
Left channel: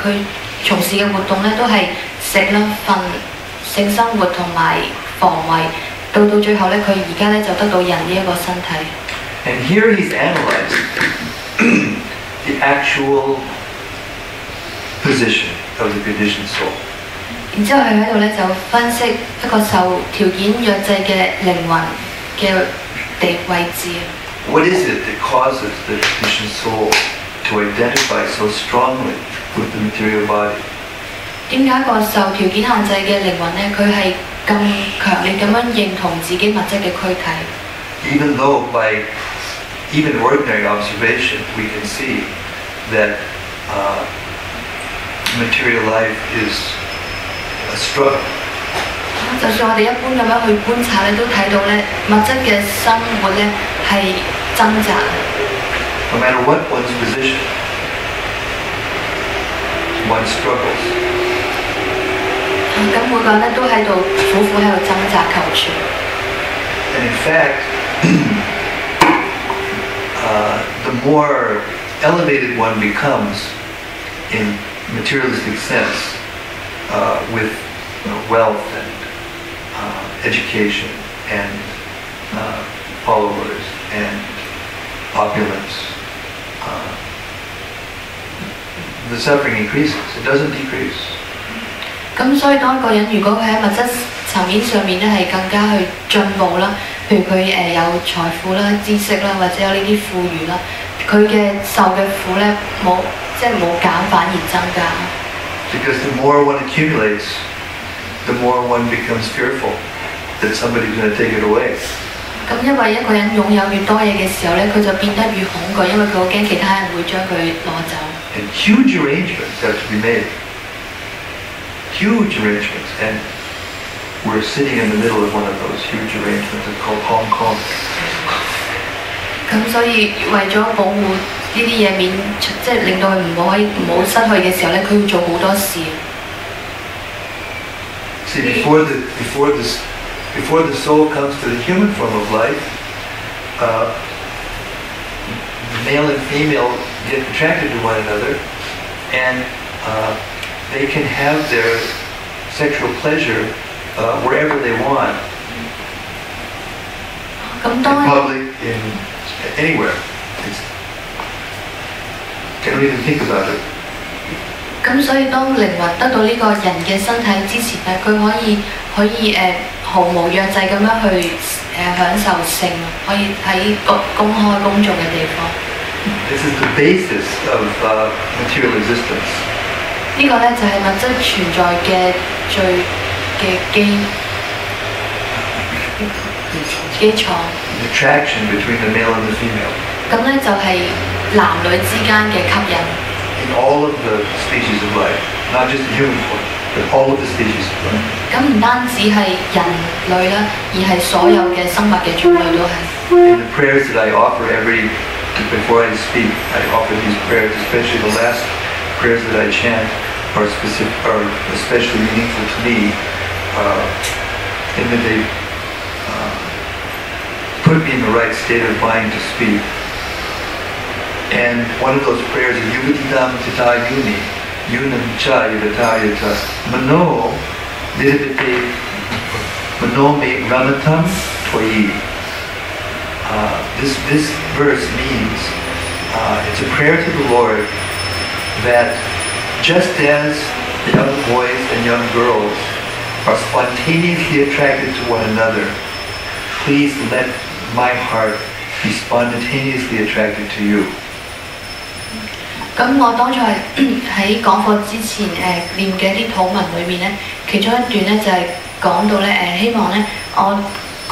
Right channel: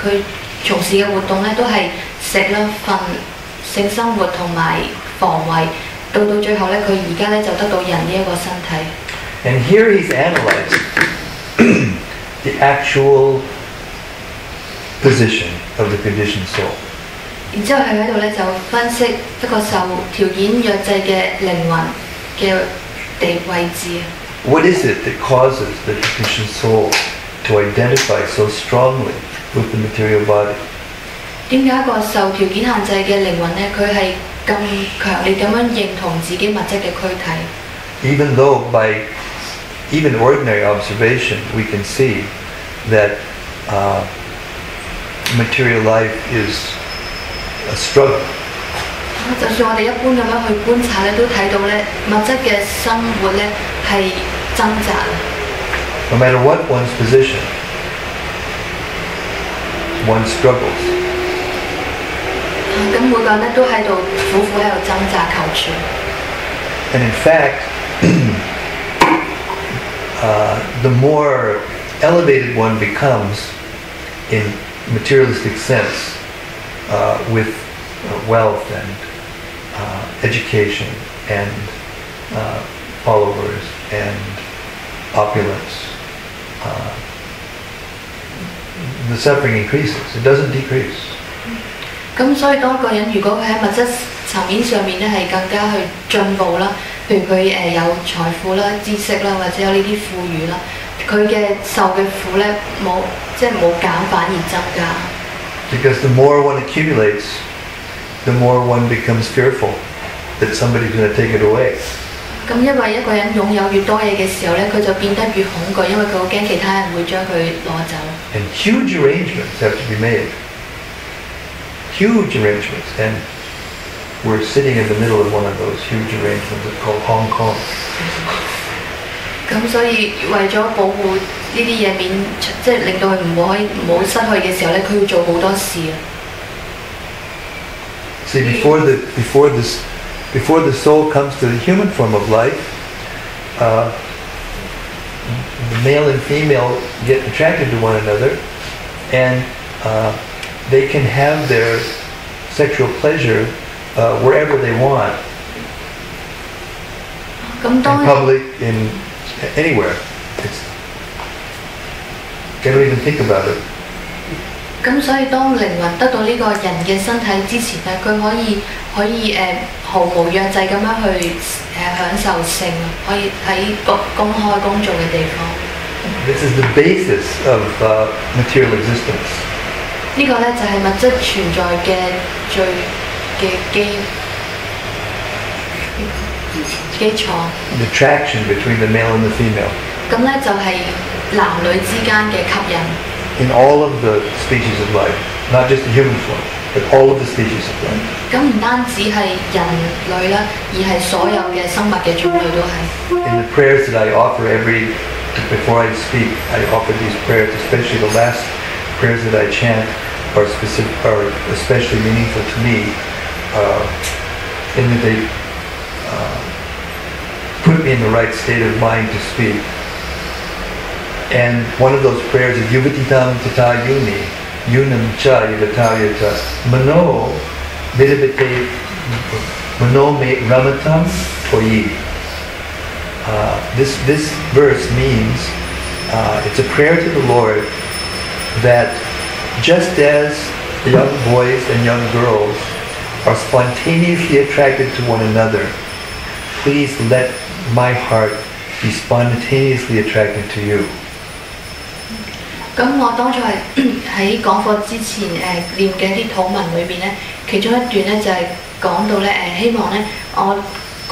佢從事嘅活動咧都係食啦、瞓、性生活同埋防衞，到最後咧佢而家咧就得到人呢一個身體。And here he's analyzing the actual position of the conditioned soul. 然之後佢喺度咧就分析一個受條件約制嘅靈魂嘅位置。What is it that causes the conditioned soul to identify so strongly with the material body? 點解個受條件限制嘅靈魂咧，佢係咁強烈咁樣認同自己物質嘅軀體 Even though by even ordinary observation we can see that material life is a struggle. 就算我哋一般咁樣去觀察咧，都睇到咧物質嘅生活咧係掙扎。No matter what one's position, one struggles. 咁每個人咧都喺度苦苦喺度掙扎求存。And in fact, the more elevated one becomes in materialistic sense, with wealth and education and followers and opulence, the suffering increases. It doesn't decrease. 咁所以當一個人如果佢喺物質層面上面咧係更加去進步啦，譬如佢有財富啦、知識啦，或者有呢啲富裕啦，佢嘅受嘅苦咧冇減反而增加。Because the more one accumulates, the more one becomes fearful that somebody's going to take it away. 咁因為一個人擁有越多嘢嘅時候咧，佢就變得越恐懼，因為佢好驚其他人會將佢攞走。And huge arrangements have to be made. Huge arrangements. And we're sitting in the middle of one of those huge arrangements. It's called Hong Kong. 咁所以為咗保護呢啲嘢免，即係令到佢唔好失去嘅時候咧，佢要做好多事。See, before the soul comes to the human form of life, the male and female get attracted to one another, and they can have their sexual pleasure wherever they want, in public, anywhere. They don't even think about it. 咁所以當靈魂得到呢個人嘅身體之前咧，佢可以毫無約制咁樣去享受性，可以喺公開公眾嘅地方。This is the basis of material existence. 呢個咧就係物質存在嘅基礎。The attraction between the male and the female. 咁咧就係男女之間嘅吸引。In all of the species of life, not just the human form, but all of the species of life. 咁唔單止係人類啦，而係所有嘅生物嘅種類都係。In the prayers that I offer before I speak, I offer these prayers, especially the last prayers that I chant are especially meaningful to me, in that they put me in the right state of mind to speak. And one of those prayers is Yuvatitam Tata Yuni, Yunam Cha Yuvatayata, Mano Vidabite Mano Me Ramatam Toyi. This verse means it's a prayer to the Lord that just as young boys and young girls are spontaneously attracted to one another, please let my heart be spontaneously attracted to you. 咁我當初喺講課之前念嘅一啲禱文裏面咧，其中一段咧就係講到咧希望咧我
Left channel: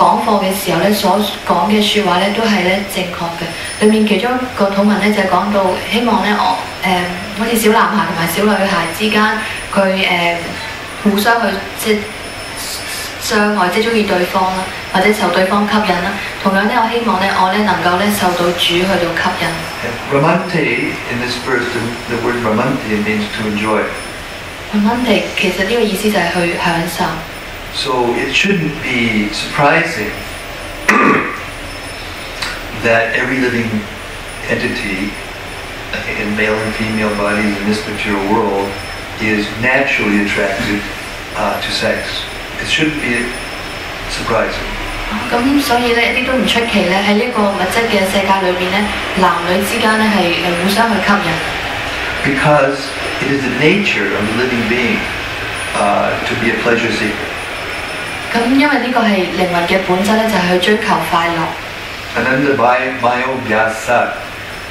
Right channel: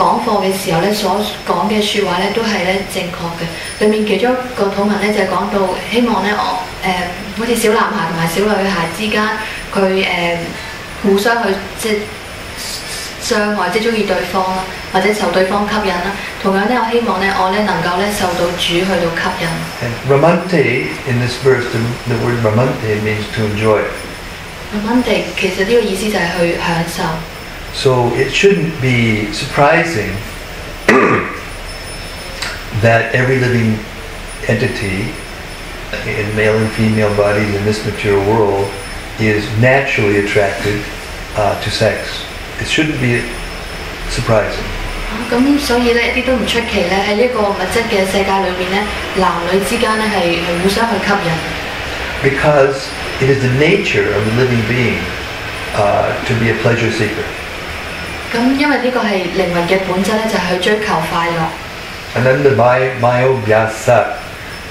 講課嘅時候咧，所講嘅説話咧都係咧正確嘅。裏面其中一個禱文咧就係講到，希望咧我好似小男孩同埋小女孩之間，佢互相去即係相愛，即係中意對方啦，或者受對方吸引啦。同樣咧，我希望咧我咧能夠咧受到主去到吸引。And ramante in this verse, the word ramante means to enjoy. ramante 其實呢個意思就係去享受。So it shouldn't be surprising that every living entity in male and female bodies in this material world is naturally attracted to sex. It shouldn't be surprising. 咁所以咧一啲都唔出奇咧，喺呢個物質嘅世界裏邊咧，男女之間咧係互相去吸引。Because it is the nature of the living being to be a pleasure seeker. 咁因為呢個係靈魂嘅本質咧，就係去追求快樂。And then the Mayo Vyasa.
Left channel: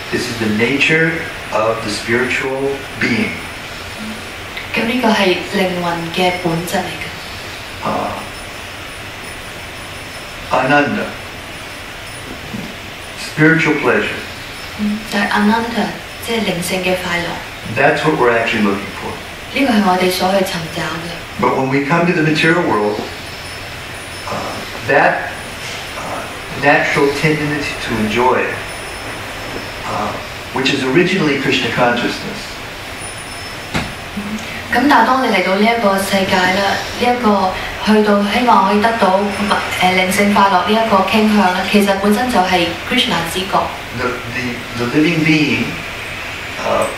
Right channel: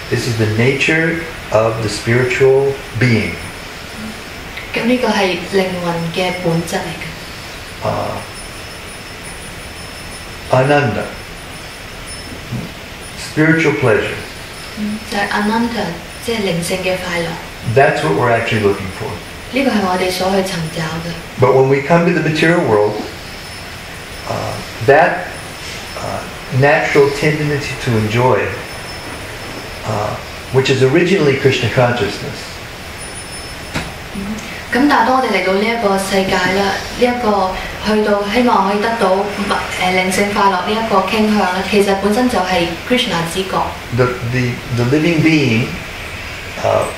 This is the nature of the spiritual being. 咁呢個係靈魂嘅本質嚟嘅。Ananda. Spiritual pleasure. 就係 Ananda，即係靈性嘅快樂。That's what we're actually looking for. 呢個係我哋所去尋找嘅。But when we come to the material world, that natural tendency to enjoy, which is originally Krishna consciousness. 咁但係當我哋嚟到呢一個世界啦，呢一個去到希望可以得到靈性快樂呢一個傾向咧，其實本身就係 Krishna 之覺。The living being,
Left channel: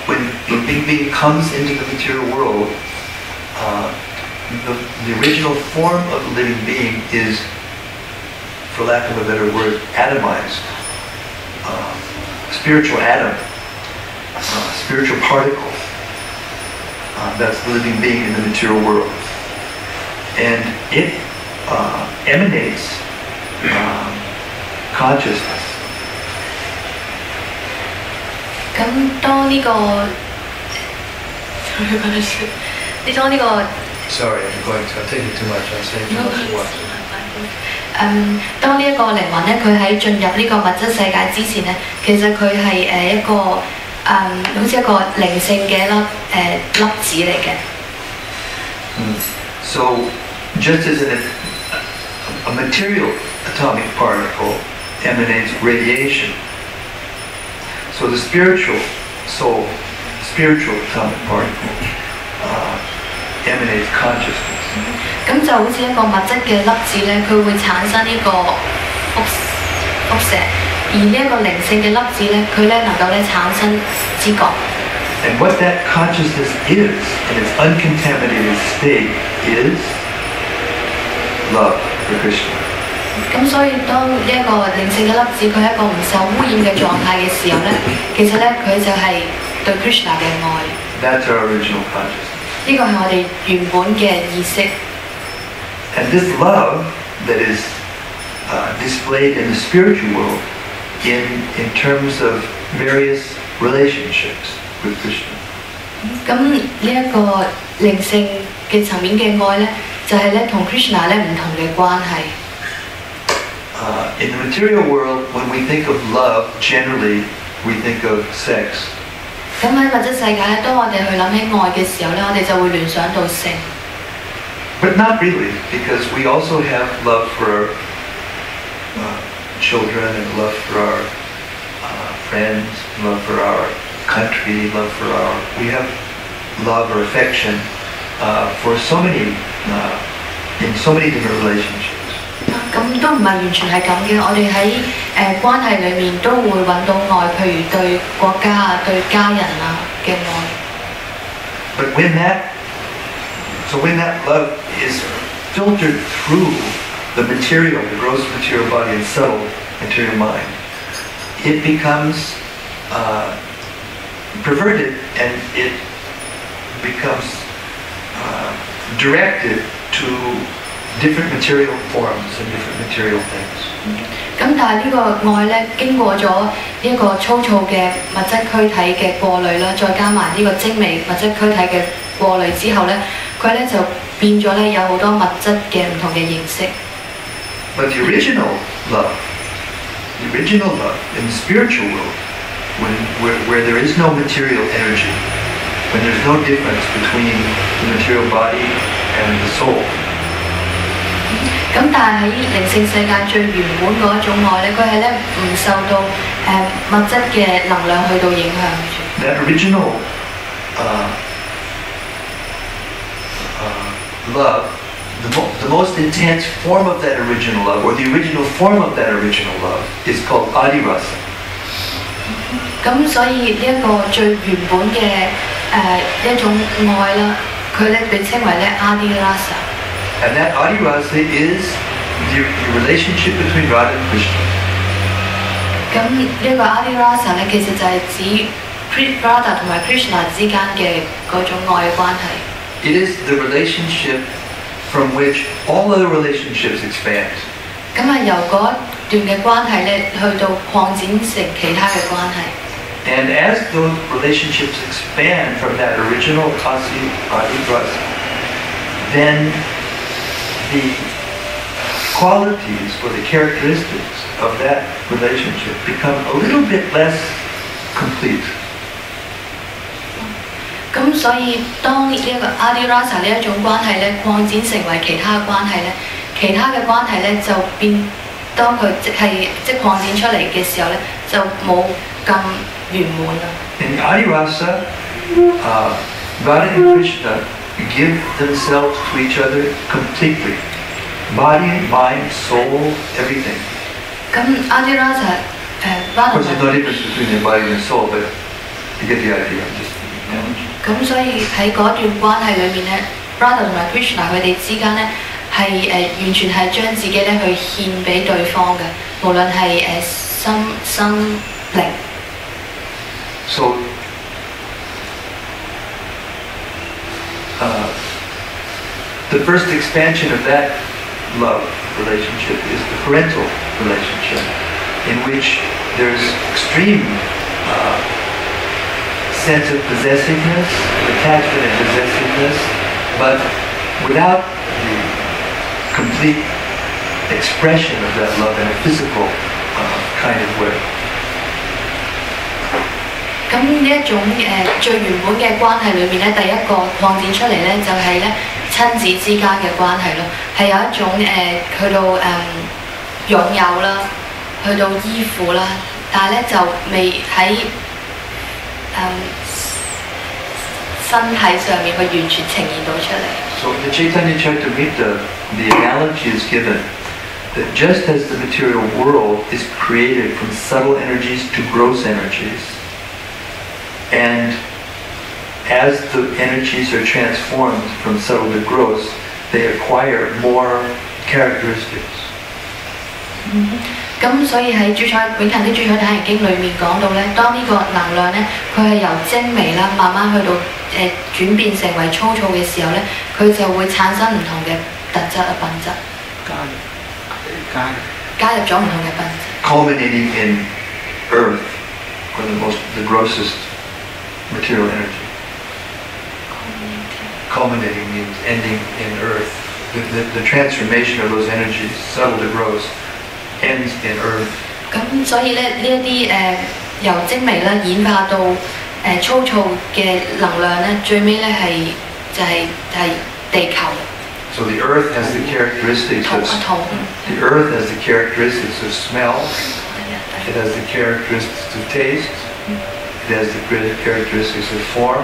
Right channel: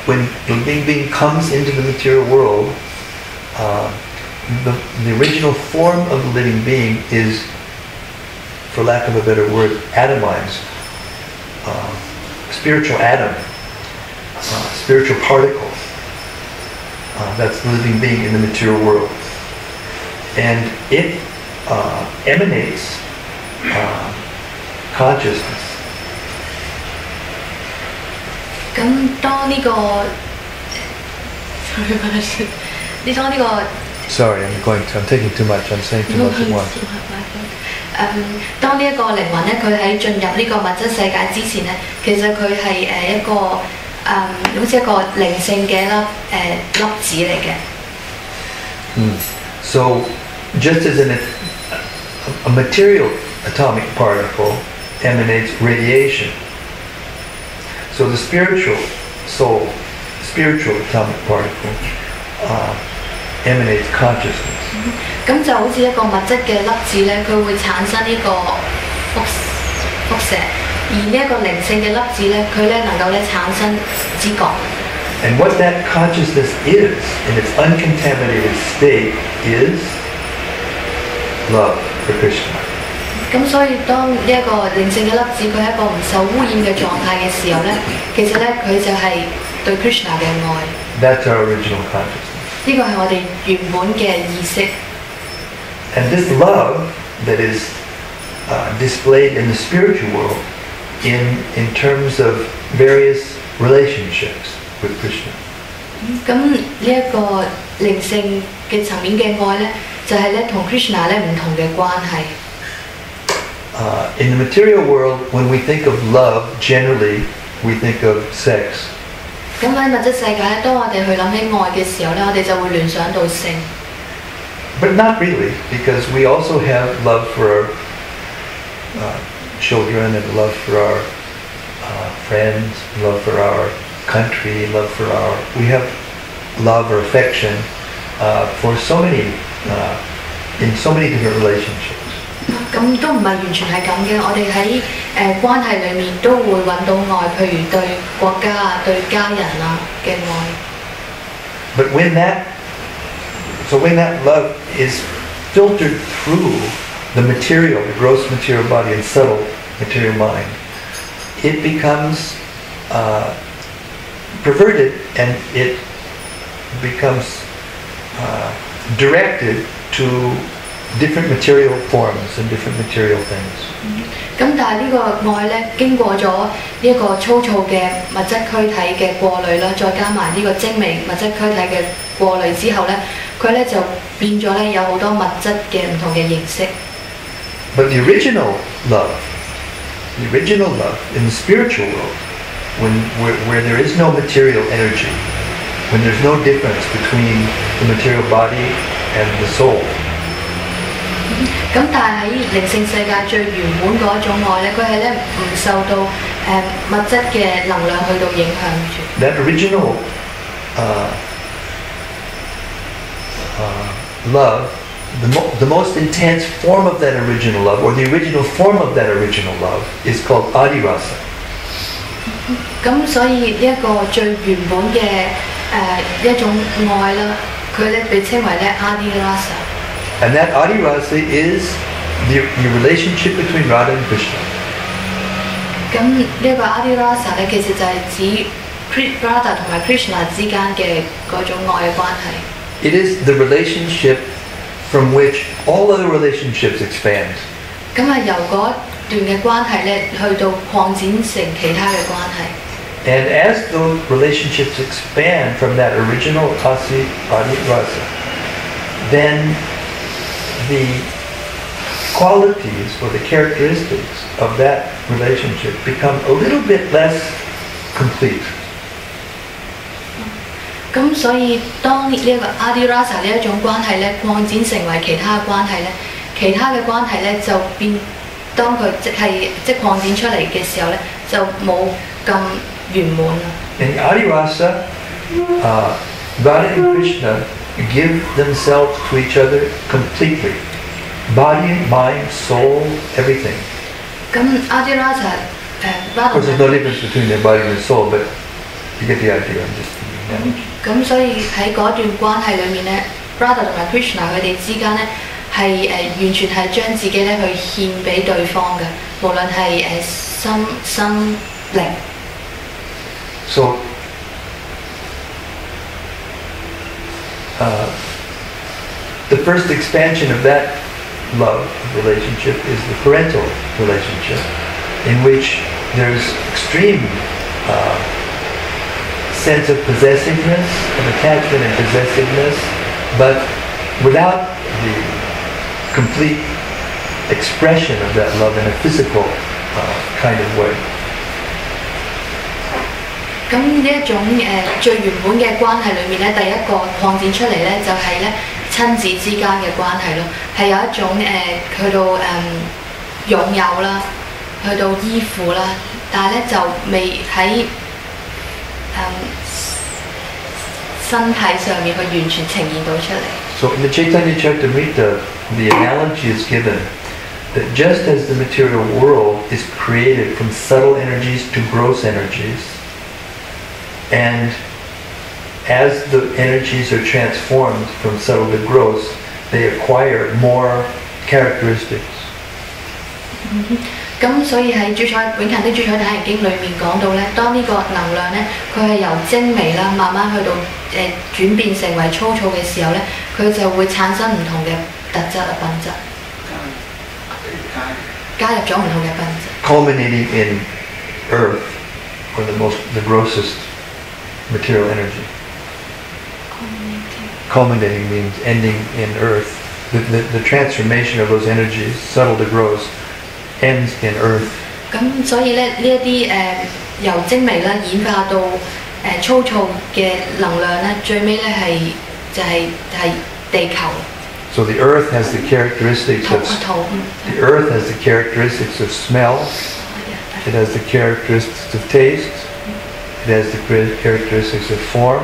when the living being comes into the material world, the original form of the living being is, for lack of a better word, atomized. Spiritual atom, spiritual particle. That's the living being in the material world. And it emanates consciousness. 咁當呢個 Sorry, I'm taking too much. I'm saying too much at once. 當呢一個靈魂咧，佢喺進入呢個物質世界之前咧，其實佢係一個好似一個靈性嘅粒子嚟嘅。So, just as a material atomic particle emanates radiation, so the spiritual soul, spiritual atomic particle, emanates consciousness. 咁就好似一個物質嘅粒子咧，佢會產生呢個輻射，而呢一個靈性嘅粒子咧，佢咧能夠咧產生知覺。And what that consciousness is, in its uncontaminated state, is love for Krishna. 咁所以當呢一個靈性嘅粒子佢係一個唔受污染嘅狀態嘅時候咧，其實咧佢就係對 Krishna 嘅愛。That's our original consciousness. 呢個係我哋原本嘅意識。And this love that is displayed in the spiritual world in terms of various relationships with Krishna. 咁呢一個靈性嘅層面嘅愛咧，就係咧同 Krishna 咧唔同嘅關係。In the material world, when we think of love, generally we think of sex. 咁喺物質世界咧，當我哋去諗起愛嘅時候咧，我哋就會聯想到性。But not really, because we also have love for our children and love for our friends, love for our country, we have love or affection for so many, in so many different relationships. 咁都唔係完全係咁嘅，我哋喺關係裏面都會揾到愛，譬如對國家啊、對家人啊嘅愛。But when that love is filtered through the material, the gross material body and subtle material mind, it becomes perverted and it becomes directed to different material forms and different material things. 咁但係呢個愛咧，經過咗呢一個粗糙嘅物質軀體嘅過濾啦，再加埋呢個精微物質軀體嘅過濾之後咧，佢咧就變咗咧有好多物質嘅唔同嘅形式。But the original love in the spiritual world, where there is no material energy, when there's no difference between the material body and the soul. 咁但係喺靈性世界最原本嗰一種愛咧，佢係咧唔受到物質嘅能量去到影響住。That original love, the most intense form of that original love, or the original form of that original love, is called adirasa. 咁所以呢一個最原本嘅一種愛啦，佢咧被稱為咧 adirasa。And that adirasa is the relationship between Radha and Krishna. 咁呢一個 adirasa 咧，其實就係指 Radha 同埋 Krishna 之間嘅嗰種愛嘅關係。It is the relationship from which all other relationships expand. 咁係由嗰段嘅關係咧，去到擴展成其他嘅關係。And as those relationships expand from that original adirasa, then the qualities or the characteristics of that relationship become a little bit less complete. 咁所以當呢一個 adirasa 呢一種關係咧擴展成為其他嘅關係咧，其他嘅關係咧就變，當佢即擴展出嚟嘅時候咧，就冇咁圓滿啦。In adirasa, Radha and Krishna give themselves to each other completely. Body, mind, soul, everything. 咁 adirasa Of course, there's no difference between their body and their soul, but you get the idea. I'm just thinking that. 咁所以喺嗰段關係裏面咧 ，Radha 同埋 Krishna 佢哋之間咧係完全係將自己咧去獻俾對方嘅，無論係心生靈。So, the first expansion of that love relationship is the parental relationship, in which there's extreme sense of possessiveness, of attachment and possessiveness, but without the complete expression of that love in a physical kind of way. 咁呢一種最原本嘅關係裏面咧，第一個擴展出嚟咧就係咧親子之間嘅關係咯，係有一種去到擁有啦，去到依附啦，但係咧就未喺身體上面去完全呈現到出嚟。So in the Chaitanya Charitamrita, the analogy is given that just as the material world is created from subtle energies to gross energies, and as the energies are transformed from subtle to gross, they acquire more characteristics. 咁所以喺永恆的主宰體經裏面講到咧，當呢個能量咧，佢係由精微啦，慢慢去到轉變成為粗糙嘅時候咧，佢就會產生唔同嘅特質啊品質，加入咗唔同嘅品質。Culminating in earth, or the grossest material energy. Culminating means ending in earth. The transformation of those energies, subtle to gross, ends in earth. 咁所以咧呢一啲由精微啦演化到粗糙嘅能量咧，最尾咧係地球。So the earth has the characteristics of smell. It has the characteristics of taste. It has the characteristics of form.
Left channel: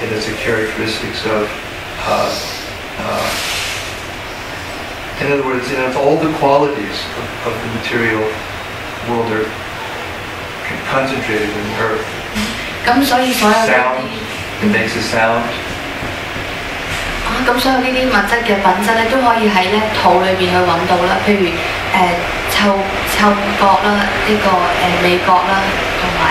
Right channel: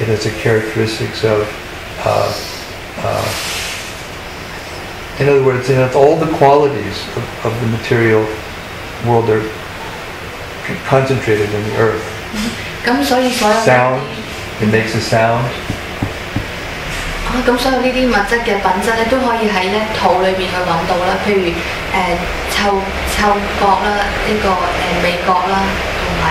It has the characteristics of, in other words, it has all the qualities of the material world are concentrated in the earth. 咁所以所有 Sound, it makes a sound. 咁所有呢啲物質嘅品質咧，都可以喺咧土裏邊去揾到啦。譬如嗅覺啦，呢個味覺啦，同埋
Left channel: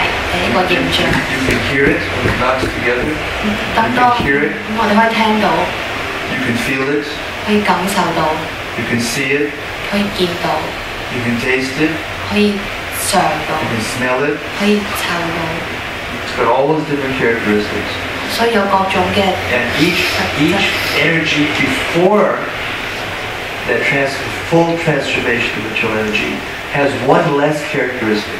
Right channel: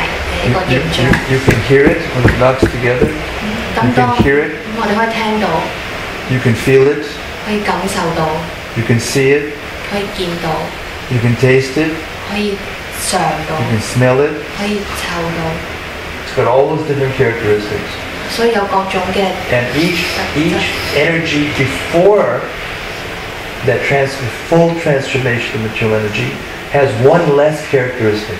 呢個形象。You can hear it when it knocks together. You can hear it. 咁我哋可以聽到。You can feel it. 可以感受到。You can see it. 可以見到。You can taste it. 可以嘗到。You can smell it. 可以嗅到。It's got all those different characteristics. 所以有各種嘅。And each energy before that full transformation of material energy has one less characteristic.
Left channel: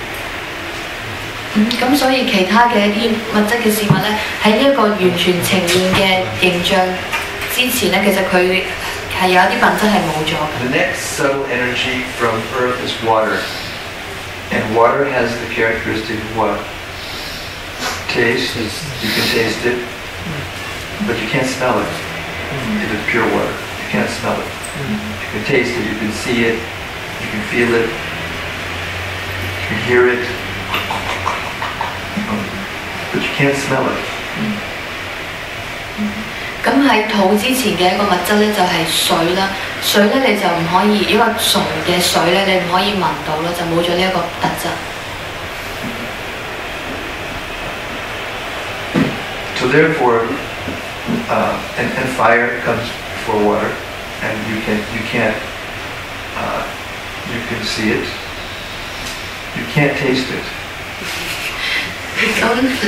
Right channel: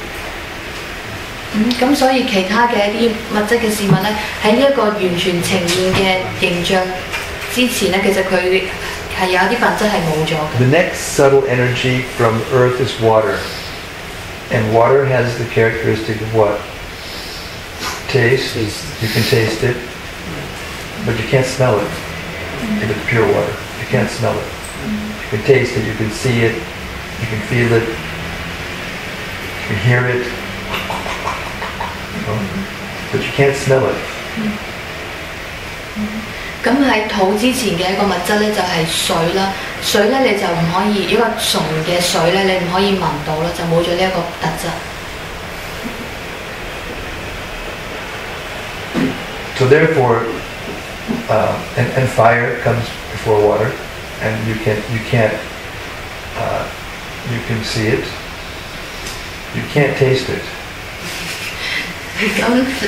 咁所以其他嘅一啲物質嘅事物咧，喺呢一個完全呈現嘅形象之前咧，其實佢係有一啲品質係冇咗嘅。 The next subtle energy from earth is water. And water has the characteristic of what? Taste. You can taste it, but you can't smell it. If it's pure water, you can't smell it. You can taste it, you can see it, you can feel it, you can hear it, but you can't smell it. 咁喺肚之前嘅一個物質咧，就係水啦。水咧你就唔可以一個純嘅水咧，你唔可以聞到啦，就冇咗呢一個特質。So therefore, and fire comes before water, and you can see it, you can't taste it. 咁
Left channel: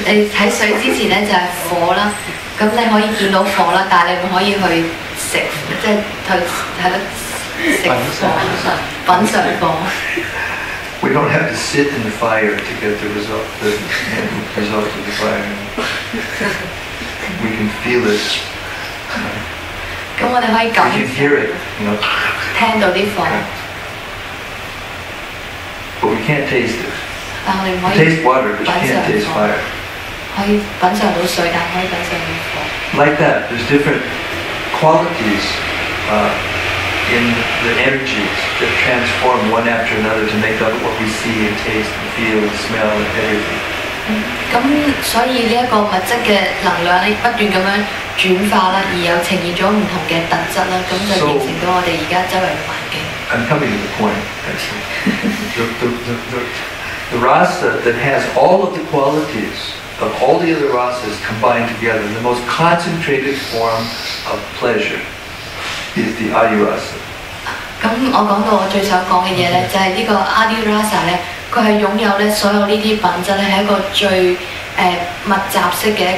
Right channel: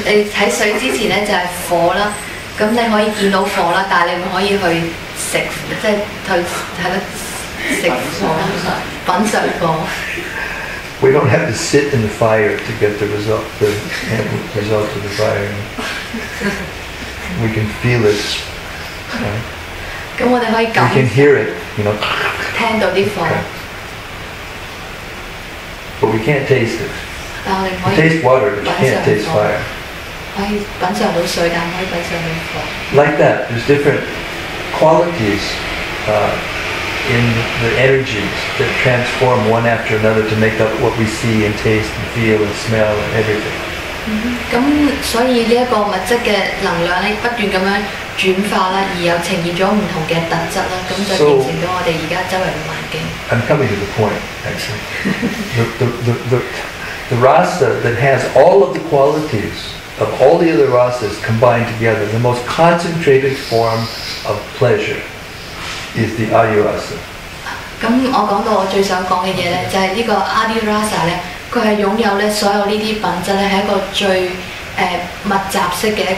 你喺水之前咧就係火啦，咁你可以見到火啦，但係你唔可以去食，即係去喺度食火、品嚐火。We don't have to sit in the fire to get the result of the fire. We can feel it. 咁我哋可以 We can hear it, 聽到啲火， but we can't taste it. 但我哋唔 You 可以 taste water, but 品 you can't 嚐 taste 火， fire. 可以品嚐到水，但唔可以品嚐到火。 Like that, there's different qualities in the energies that transform one after another to make up what we see and taste and feel and smell and everything. 咁所以呢一個物質嘅能量咧，不斷咁樣轉化啦，而又呈現咗唔同嘅特質啦，咁就形成咗我哋而家周圍嘅環境。 I'm coming to the point, actually. The rasa that has all of the qualities of all the other rasas combined together, the most concentrated form of pleasure is the adhirasa. 咁我講到我最想講嘅嘢咧，就係呢個 Adi Rasa 咧，佢係擁有咧所有呢啲品質咧，係一個最密集式嘅一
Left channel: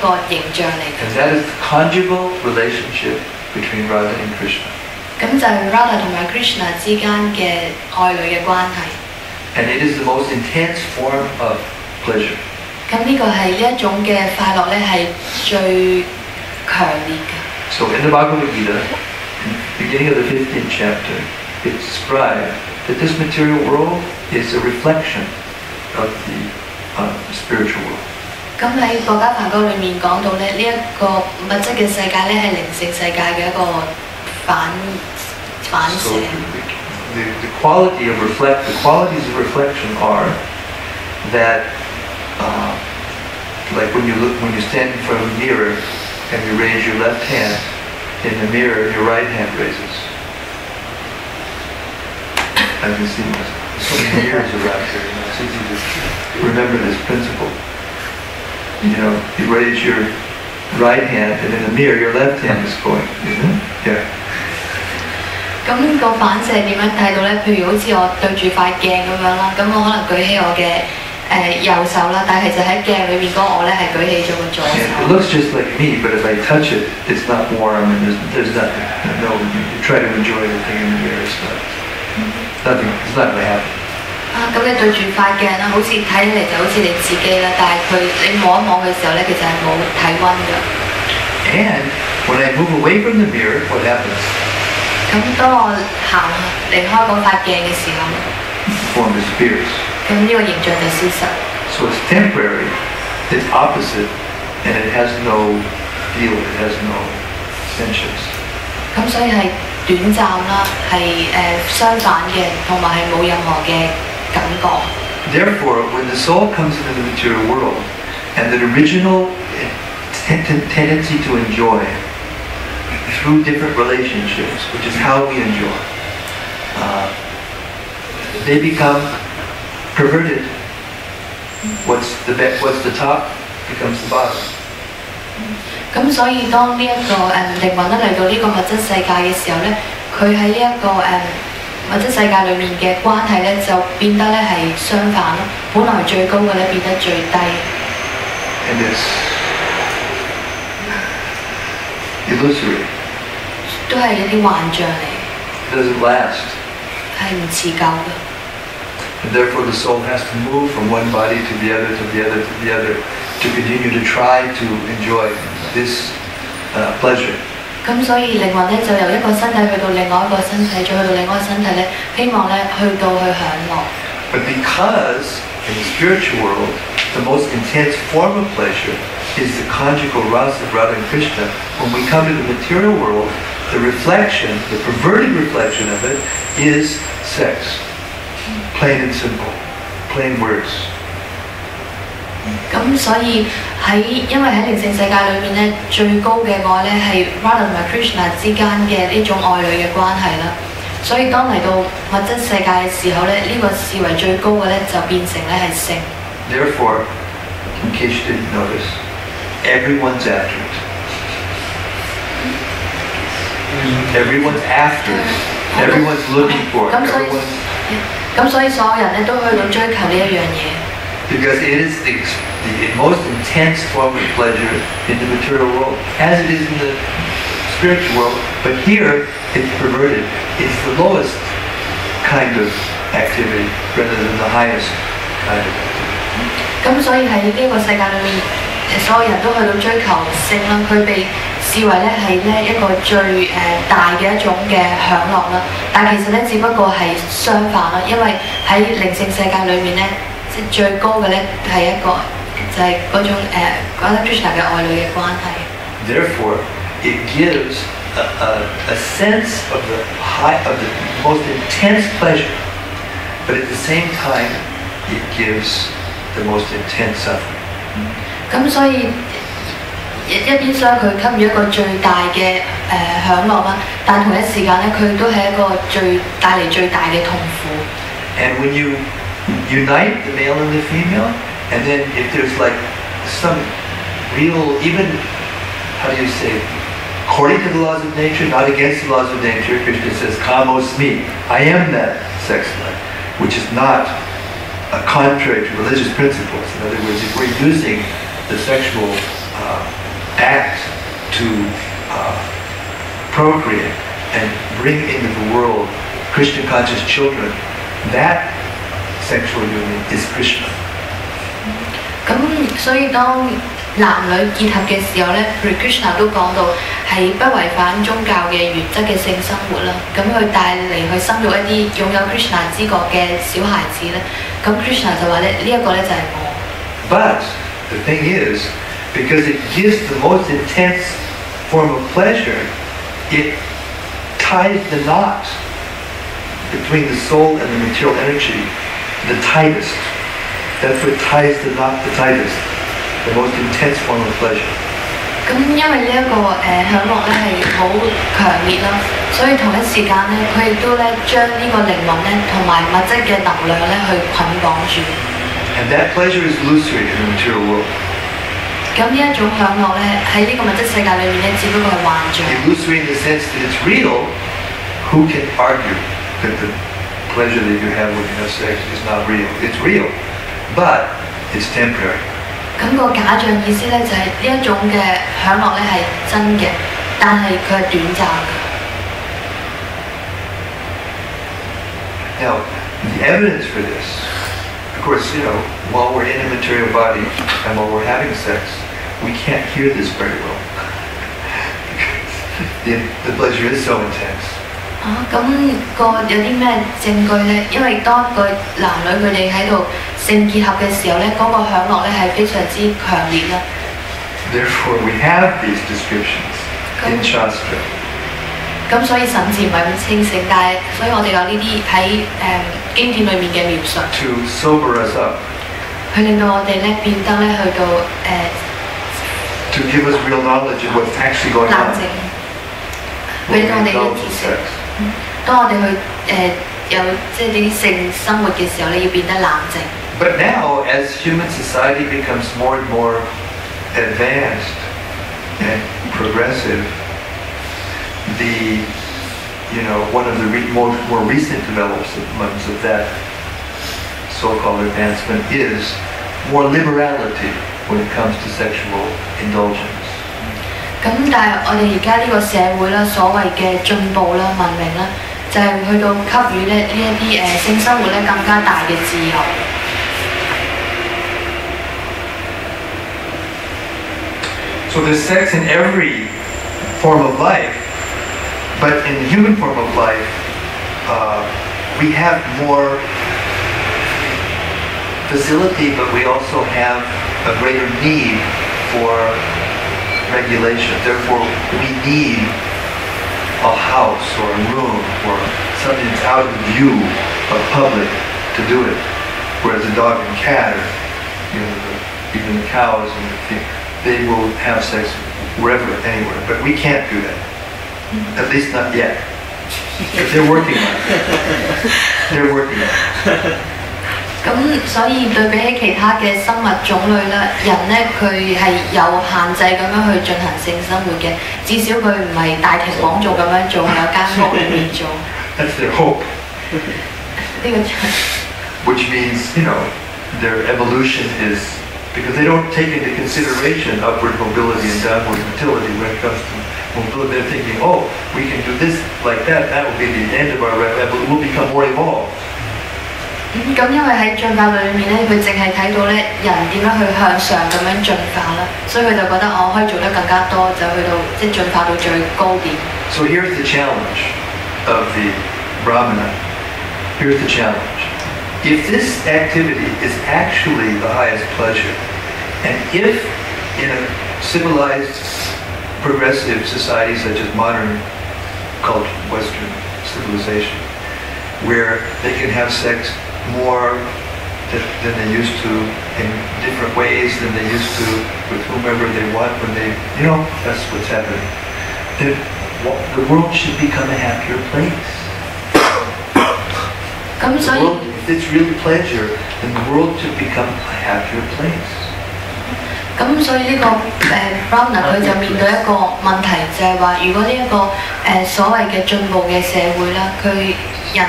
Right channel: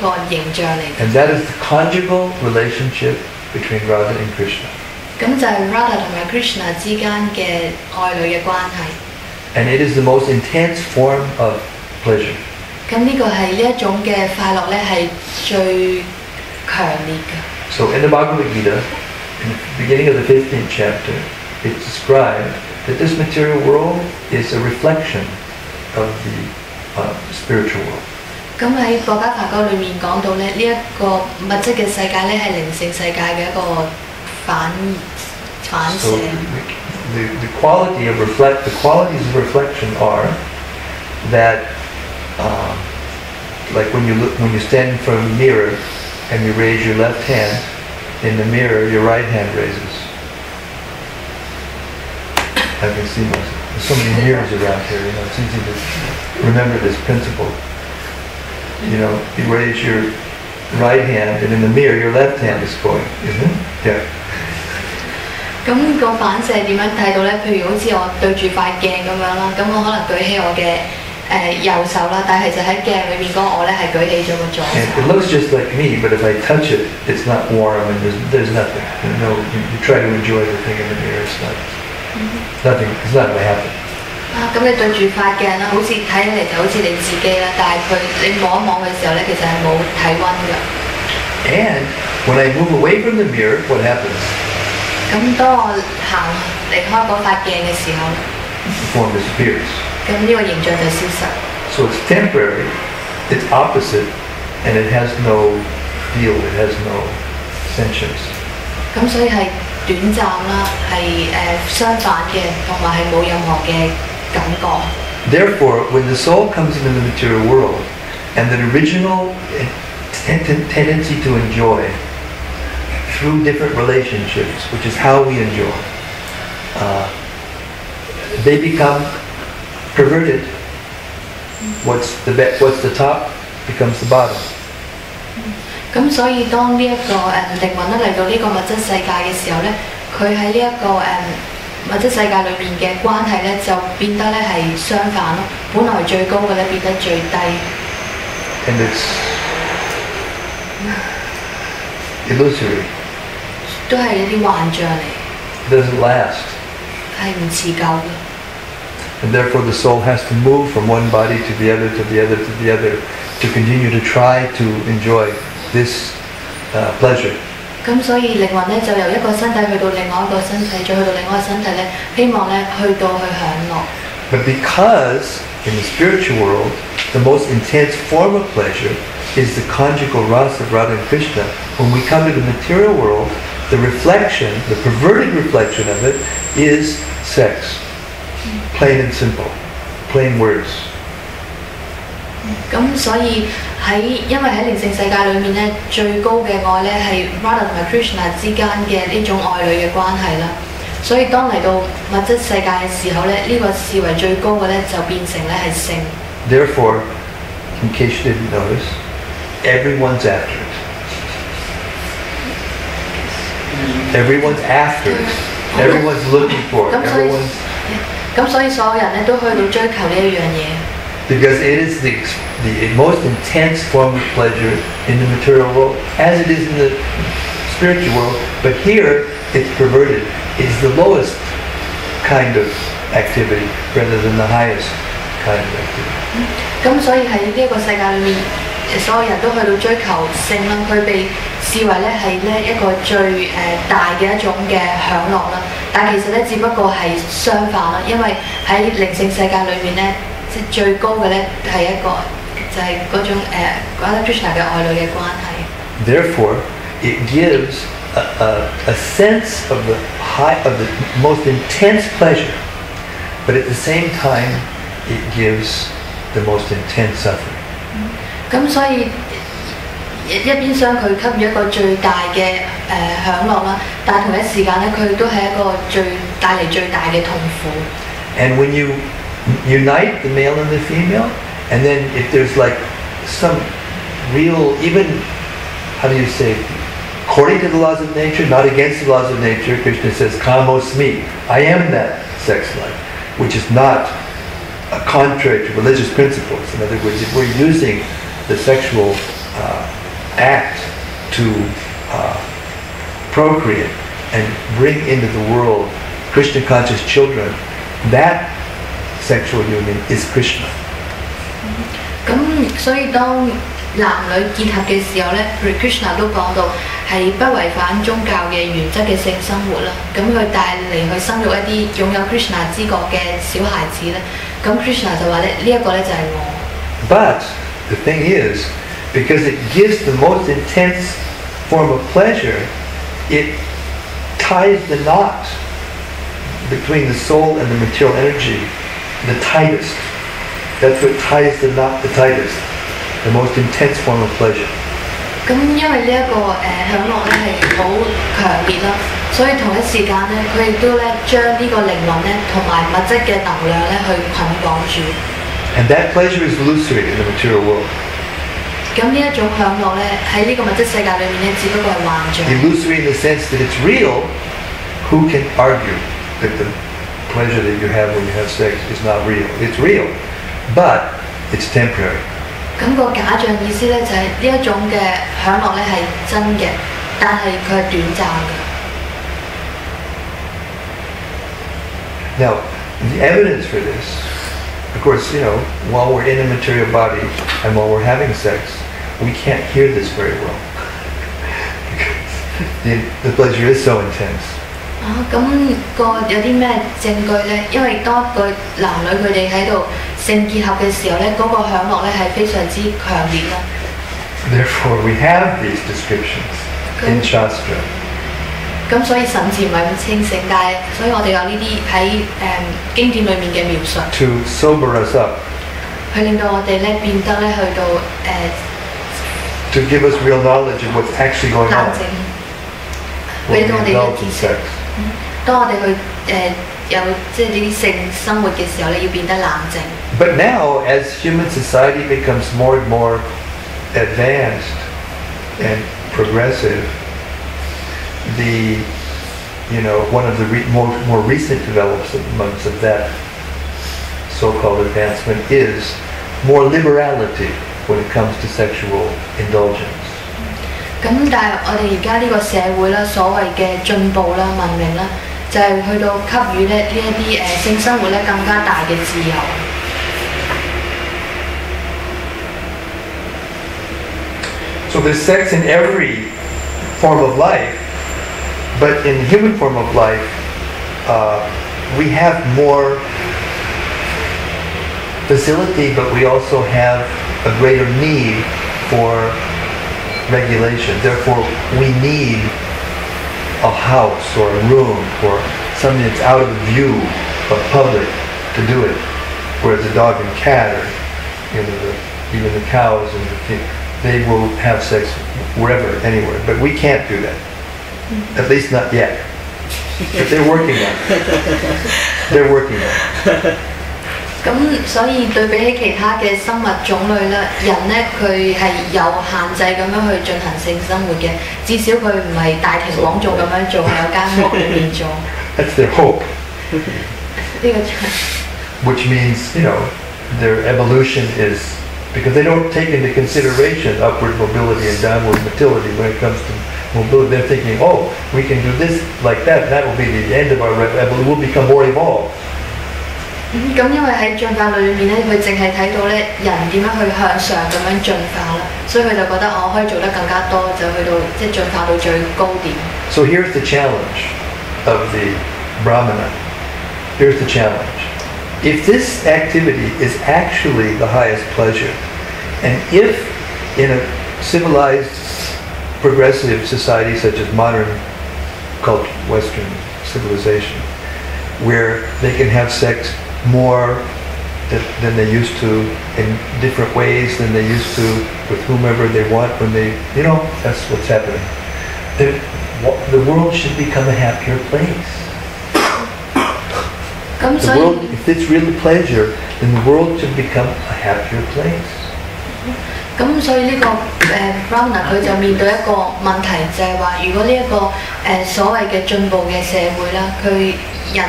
個形象嚟嘅。 And that is the conjugal relationship between Radha and Krishna. 咁就係 Radha 同埋 Krishna 之間嘅愛侶嘅關係。 And it is the most intense form of pleasure. 咁呢個係呢一種嘅快樂咧，係最強烈嘅。 So in the Bhagavad Gita, in the beginning of the 15th chapter, it's described that this material world is a reflection of the spiritual world. 咁喺《博家梵歌》裏面講到咧，呢一個物質嘅世界咧係靈性世界嘅一個反射。 So the qualities of reflection are that, like when you stand in front of a mirror and you raise your left hand, in the mirror your right hand raises. I can see myself. There's so many mirrors around here, it's easy to remember this principle. You raise your right hand and in the mirror your left hand is going, isn't it? Yeah. 咁個反射點樣睇到咧？譬如好似我對住塊鏡咁樣啦，咁我可能舉起我嘅右手啦，但係就喺鏡裏邊嗰個我咧係舉起咗個左手。 It looks just like me, but if I touch it, it's not warm and there's nothing. You try to enjoy the thing in the mirror, it's not going to happen. 咁你對住塊鏡啦，好似睇起嚟就好似你自己啦，但係你摸一摸佢嘅時候咧，其實係冇體溫㗎。 And when I move away from the mirror, what happens? 咁當我行離開嗰塊鏡嘅時候咧， The form disappears. 咁呢個形象就消失。 So it's temporary, it's opposite, and it has no feel, it has no sensuous. 咁所以係短暫啦，係相反嘅，同埋係冇任何嘅感覺。 Therefore, when the soul comes into the material world, and the original tendency to enjoy through different relationships, which is how we enjoy, they become perverted. What's the top becomes the bottom. 咁所以當呢一個靈魂咧嚟到呢個物質世界嘅時候咧，佢喺呢一個物質世界裏面嘅關係咧，就變得咧係相反咯。本來最高嘅咧變得最低。 And it's illusory. 都係一啲幻象嚟。It doesn't last. 係唔持久嘅。 And therefore the soul has to move from one body to the other, to the other, to the other, to continue to try to enjoy this pleasure. 咁所以靈魂咧就由一個身體去到另外一個身體，再去到另外一個身體咧，希望咧去到去享樂。 But because in the spiritual world, the most intense form of pleasure is the conjugal rasa of Radha and Krishna, when we come to the material world, the reflection, the perverted reflection of it, is sex. Plain and simple. Plain words. 咁所以因為喺靈性世界裏面咧，最高嘅愛咧係 Radha 同埋 Krishna 之間嘅呢種愛侶嘅關係啦。所以當嚟到物質世界嘅時候咧，呢、個視為最高嘅咧就變成咧係性。Therefore, in case you didn't notice, everyone's after it. Everyone's after it. Everyone's looking for it.咁所以所有人咧都去到追求呢一樣嘢。 Because it is the most intense form of pleasure in the material world, as it is in the spiritual world. But here, it's perverted. It's the lowest kind of activity rather than the highest kind of activity. 咁所以喺呢一個世界裏面，所有人都去到追求性啦，佢被視為咧係咧一個最大嘅一種嘅享樂啦。但其實咧只不過係相反啦，因為喺靈性世界裏面咧，即係最高嘅咧係一個就係嗰種Radha Krishna 嘅愛侶嘅關係。 Therefore, it gives a sense of the most intense pleasure, but at the same time, it gives the most intense suffering. 咁所以一邊廂佢給予一個最大嘅享樂啦，但同一時間咧，佢都係一個帶嚟最大嘅痛苦。 And when you unite the male and the female, and then if there's like some real, even, how do you say, according to the laws of nature, not against the laws of nature, Krishna says, Kamosmi, I am that sex life, which is not contrary to religious principles. In other words, if we're using the sexual act to procreate and bring into the world Krishna conscious children, that sexual union is Krishna. 咁所以當男女結合嘅時候咧，譬如 Krishna 都講到係不違反宗教嘅原則嘅性生活啦。咁佢帶嚟去生育一啲擁有 Krishna 知覺嘅小孩子咧，咁 Krishna 就話咧呢一個咧就係我。But the thing is, because it gives the most intense form of pleasure, it ties the knot between the soul and the material energy the tightest. That's what ties the knot the tightest. The most intense form of pleasure. 咁因為呢一個享樂咧係好強烈啦，所以同一時間咧，佢亦都咧將呢個靈魂咧同埋物質嘅能量咧去捆綁住。And that pleasure is illusory in the material world. 咁呢一種享樂咧喺呢個物質世界裏面咧，只不過係幻象。Illusory in the sense that it's real. Who can argue that the pleasure that you have when you have sex is not real? It's real, but it's temporary. 咁個假象意思咧就係呢一種嘅享樂咧係真嘅，但係佢係短暫嘅。Now, the evidence for this, of course, while we're in a material body and while we're having sex, we can't hear this very well. The pleasure is so intense. 咁有啲咩證據咧？因為當個男女佢哋喺度性結合嘅時候咧，嗰個享樂咧係非常之強烈啦。Therefore, we have these descriptions in Shastra. 咁所以神智唔係咁清醒，但係所以我哋有呢啲喺經典裏面嘅描述。To sober us up. 去令到我哋咧變得咧去到To give us real knowledge of what's actually going 冷 on. 靜，俾到我哋嘅知識。當我哋去有即係呢啲性生活嘅時候咧，要變得冷靜。But now, as human society becomes more and more advanced and progressive, one of the more recent developments of that so-called advancement is more liberality when it comes to sexual indulgence. 咁但係我哋而家呢個社會啦，所謂嘅進步啦、文明啦，就係去到給予咧呢一啲性生活咧更加大嘅自由。So there's sex in every form of life, but in the human form of life, we have more facility, but we also have a greater need for regulation. Therefore, we need a house or a room or something that's out of the view of public to do it. Whereas the dog and cat, or even the cows and the thing, they will have sex wherever, anywhere. But we can't do that. At least not yet. But they're working on it. They're working on it. 咁所以對比起其他嘅生物種類咧，人咧佢係有限制咁樣去進行性生活嘅，至少佢唔係大庭廣眾咁樣做，係有間屋裏面做。That's their hope. 呢個 Which means, their evolution is, because they don't take into consideration upward mobility and downward motility when it comes to mobility. They're thinking, oh, we can do this like that, that will be the end of our evolution, we'll become more evolved. 咁因為喺進化論裏面咧，佢淨係睇到咧人點樣去向上咁樣進化啦，所以佢就覺得我可以做得更加多，就去到進化到最高點。So here's the challenge of the Brahmana. Here's the challenge. If this activity is actually the highest pleasure, and if in a civilized, progressive society such as modern culture, Western civilization, where they can have sex more than they used to, in different ways than they used to, with whomever they want when they, that's what's happening. Then the world should become a happier place. The world, if it's really pleasure, then the world should become a happier place. 咁所以呢個Brahmana 佢就面對一個問題，就係話如果呢一個所謂嘅進步嘅社會啦，佢人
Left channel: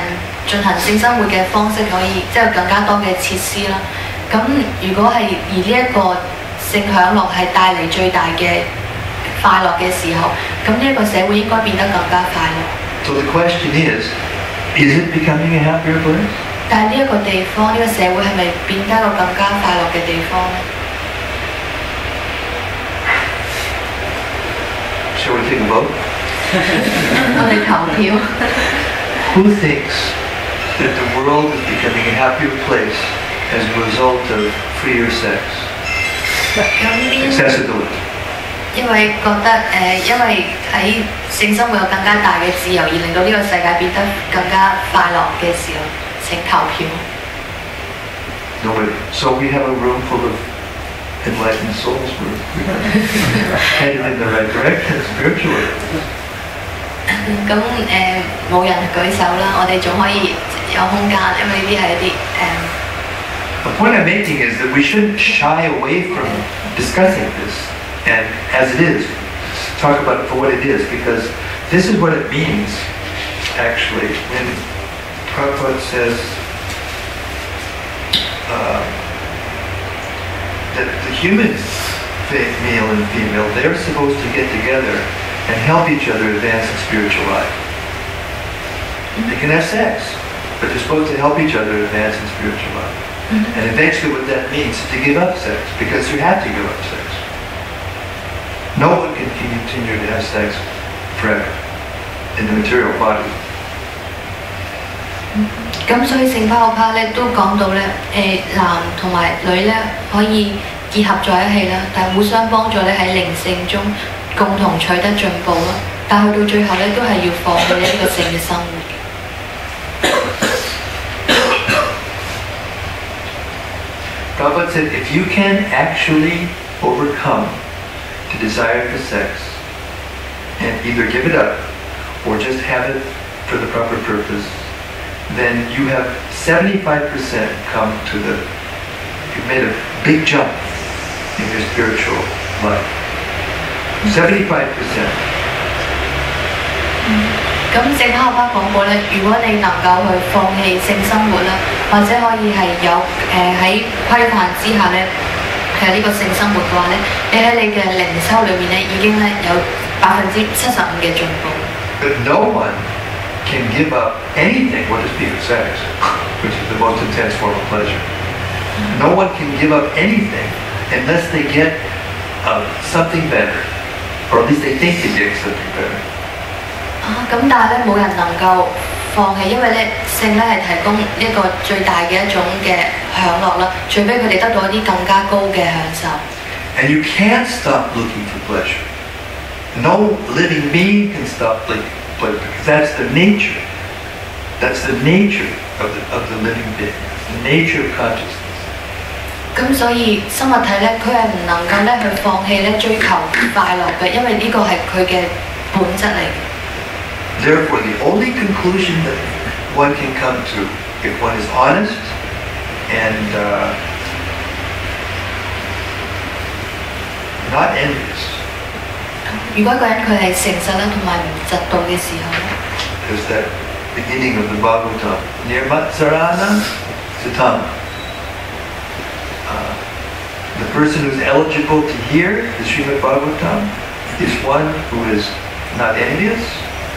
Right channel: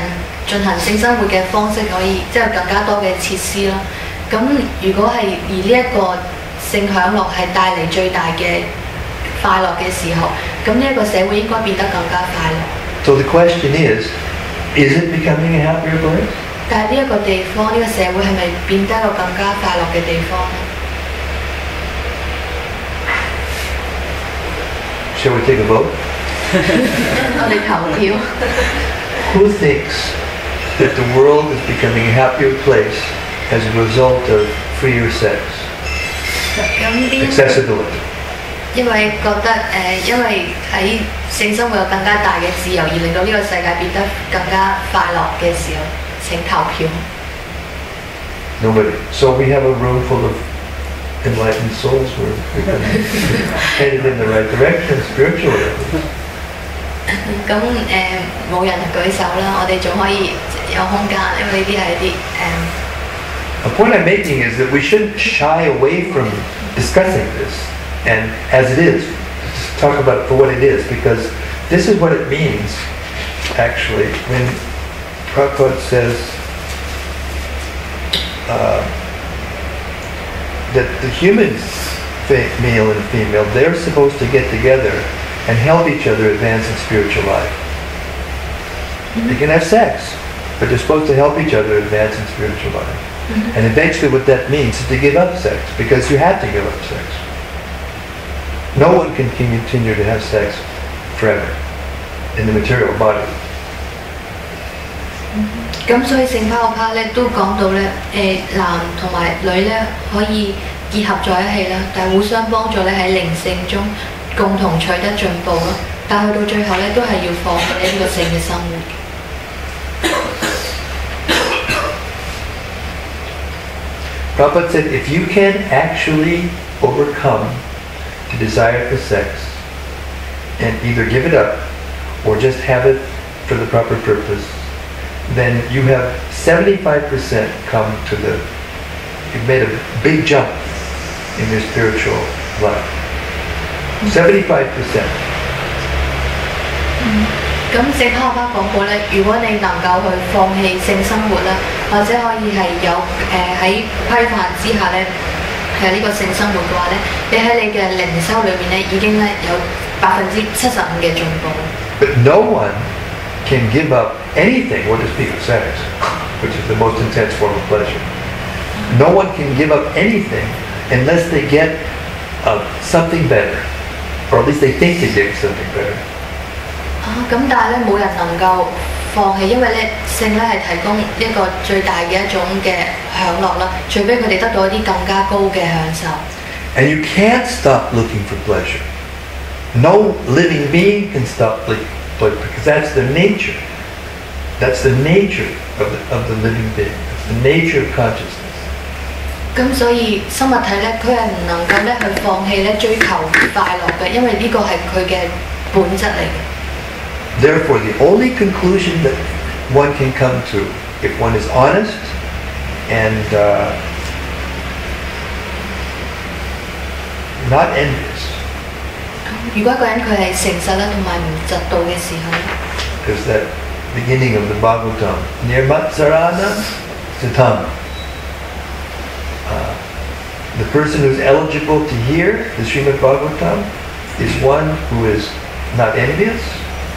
進行性生活嘅方式可以即係更加多嘅設施啦。咁如果係而呢一個性享樂係帶嚟最大嘅快樂嘅時候，咁呢一個社會應該變得更加快樂。So the question is it becoming a happier place? 但係呢一個地方，呢個社會係咪變得一個更加快樂嘅地方呢？ Shall we take a vote? 我哋投票。Who thinks that the world is becoming a happier place as a result of freer sex? 咁邊 Accessibility. 因為覺得因為喺性生活有更加大嘅自由，而令到呢個世界變得更加快樂嘅時候，請投票。Nobody. So we have a room full of enlightened souls where we can headed in the right direction spiritually. 咁冇人舉手啦，我哋仲可以有空間，因為呢啲係一啲The point I'm making is that we shouldn't shy away from discussing this, and as it is, just talk about it for what it is, because this is what it means, actually, when Prabhupada says that the human male and female, they're supposed to get together and help each other advance in spiritual life. They can have sex, but they're supposed to help each other advance in spiritual life. And eventually what that means is to give up sex, because you have to give up sex. No one can continue to have sex forever in the material body. 咁所以聖巴學派咧都講到咧，男同埋女咧可以結合在一起啦，但係互相幫助咧喺靈性中共同取得進步咯。但係去到最後咧都係要放棄呢個性嘅生活。Prabhupada said, if you can actually overcome the desire for sex and either give it up or just have it for the proper purpose, then you have 75% come to you've made a big jump in your spiritual life. 75%. 咁聖巴學派講過咧，如果你能夠去放棄性生活啦，或者可以係有喺規範之下咧，係呢個性生活嘅話咧，你喺你嘅靈修裏面咧已經咧有75%嘅進步。But no one can give up anything, we'll just speak of sex, which is the most intense form of pleasure. No one can give up anything unless they get something better, or at least they think they get something better. 咁但係咧冇人能夠放棄，因為咧性咧係提供一個最大嘅一種嘅享樂啦，除非佢哋得到一啲更加高嘅享受。And you can't stop looking for pleasure. No living being can stop looking for pleasure because that's their nature. That's the nature of the living being. That's the nature of consciousness. 咁所以生物體咧，佢係唔能夠咧去放棄咧追求快樂嘅，因為呢個係佢嘅本質嚟嘅。Therefore, the only conclusion that one can come to, if one is honest and not envious, 如果一個人佢係誠實啦，同埋唔嫉妒嘅時候， is that beginning of the Bhagavatam, Nirmatsarana Satam. The person who is eligible to hear the Srimad Bhagavatam is one who is not envious